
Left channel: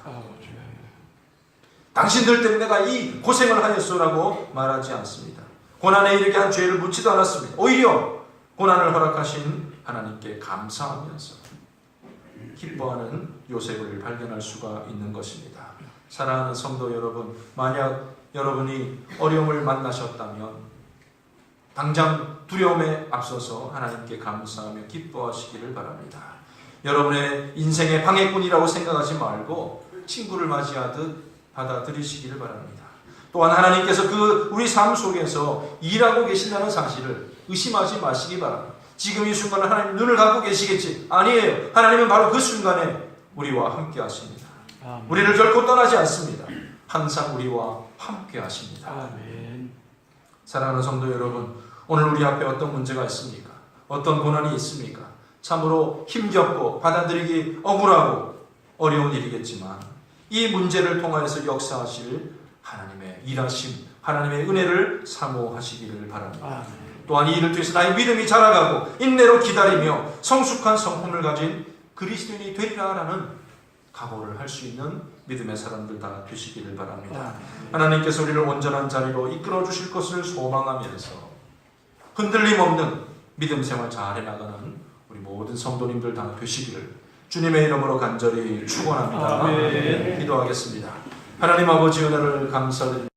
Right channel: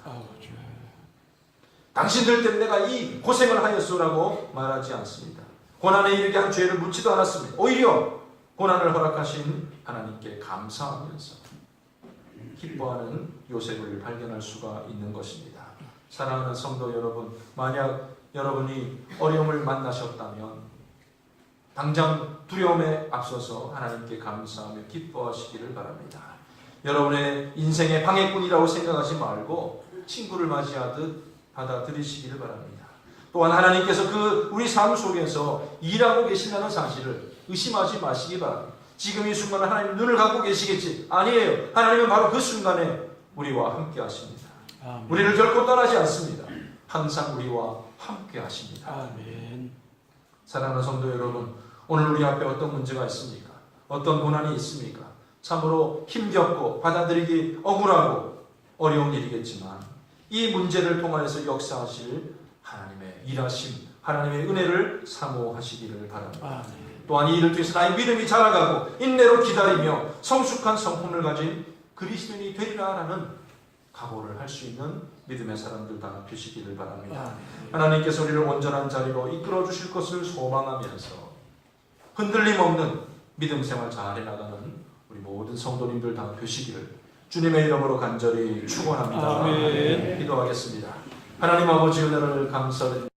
당신들 때문에 내가 이 고생을 하였소라고 말하지 않습니다. 고난에 이르게 한 죄를 묻지도 않았습니다. 오히려 고난을 허락하신 하나님께 감사하면서 기뻐하는 요셉을 발견할 수가 있는 것입니다. 사랑하는 성도 여러분, 만약 여러분이 어려움을 만나셨다면 당장 두려움에 앞서서 하나님께 감사하며 기뻐하시기를 바랍니다. 여러분의 인생의 방해꾼이라고 생각하지 말고 친구를 맞이하듯 받아들이시기를 바랍니다. 또한 하나님께서 우리 삶 속에서 일하고 계신다는 사실을 의심하지 마시기 바랍니다. 지금 이 순간에 하나님 눈을 감고 계시겠지? 아니에요. 하나님은 바로 그 순간에 우리와 함께 하십니다. 아멘. 우리를 결코 떠나지 않습니다. 항상 우리와 함께 하십니다. 아멘. 사랑하는 성도 여러분, 오늘 우리 앞에 어떤 문제가 있습니까? 어떤 고난이 있습니까? 참으로 힘겹고 받아들이기 억울하고 어려운 일이겠지만 이 문제를 통하여서 역사하실 하나님의 일하심, 하나님의 은혜를 사모하시기를 바랍니다. 아멘. 또한 이 일을 통해서 나의 믿음이 자라가고 인내로 기다리며 성숙한 성품을 가진 그리스도인이 되리라라는 각오를 할 수 있는 믿음의 사람들 다 되시기를 바랍니다. 하나님께서 우리를 온전한 자리로 이끌어 주실 것을 소망하면서 흔들림 없는 믿음 생활 잘 해나가는 우리 모든 성도님들 다 되시기를 주님의 이름으로 간절히 축원합니다. 아멘. 기도하겠습니다. 하나님 아버지 은혜를 감사드립니다.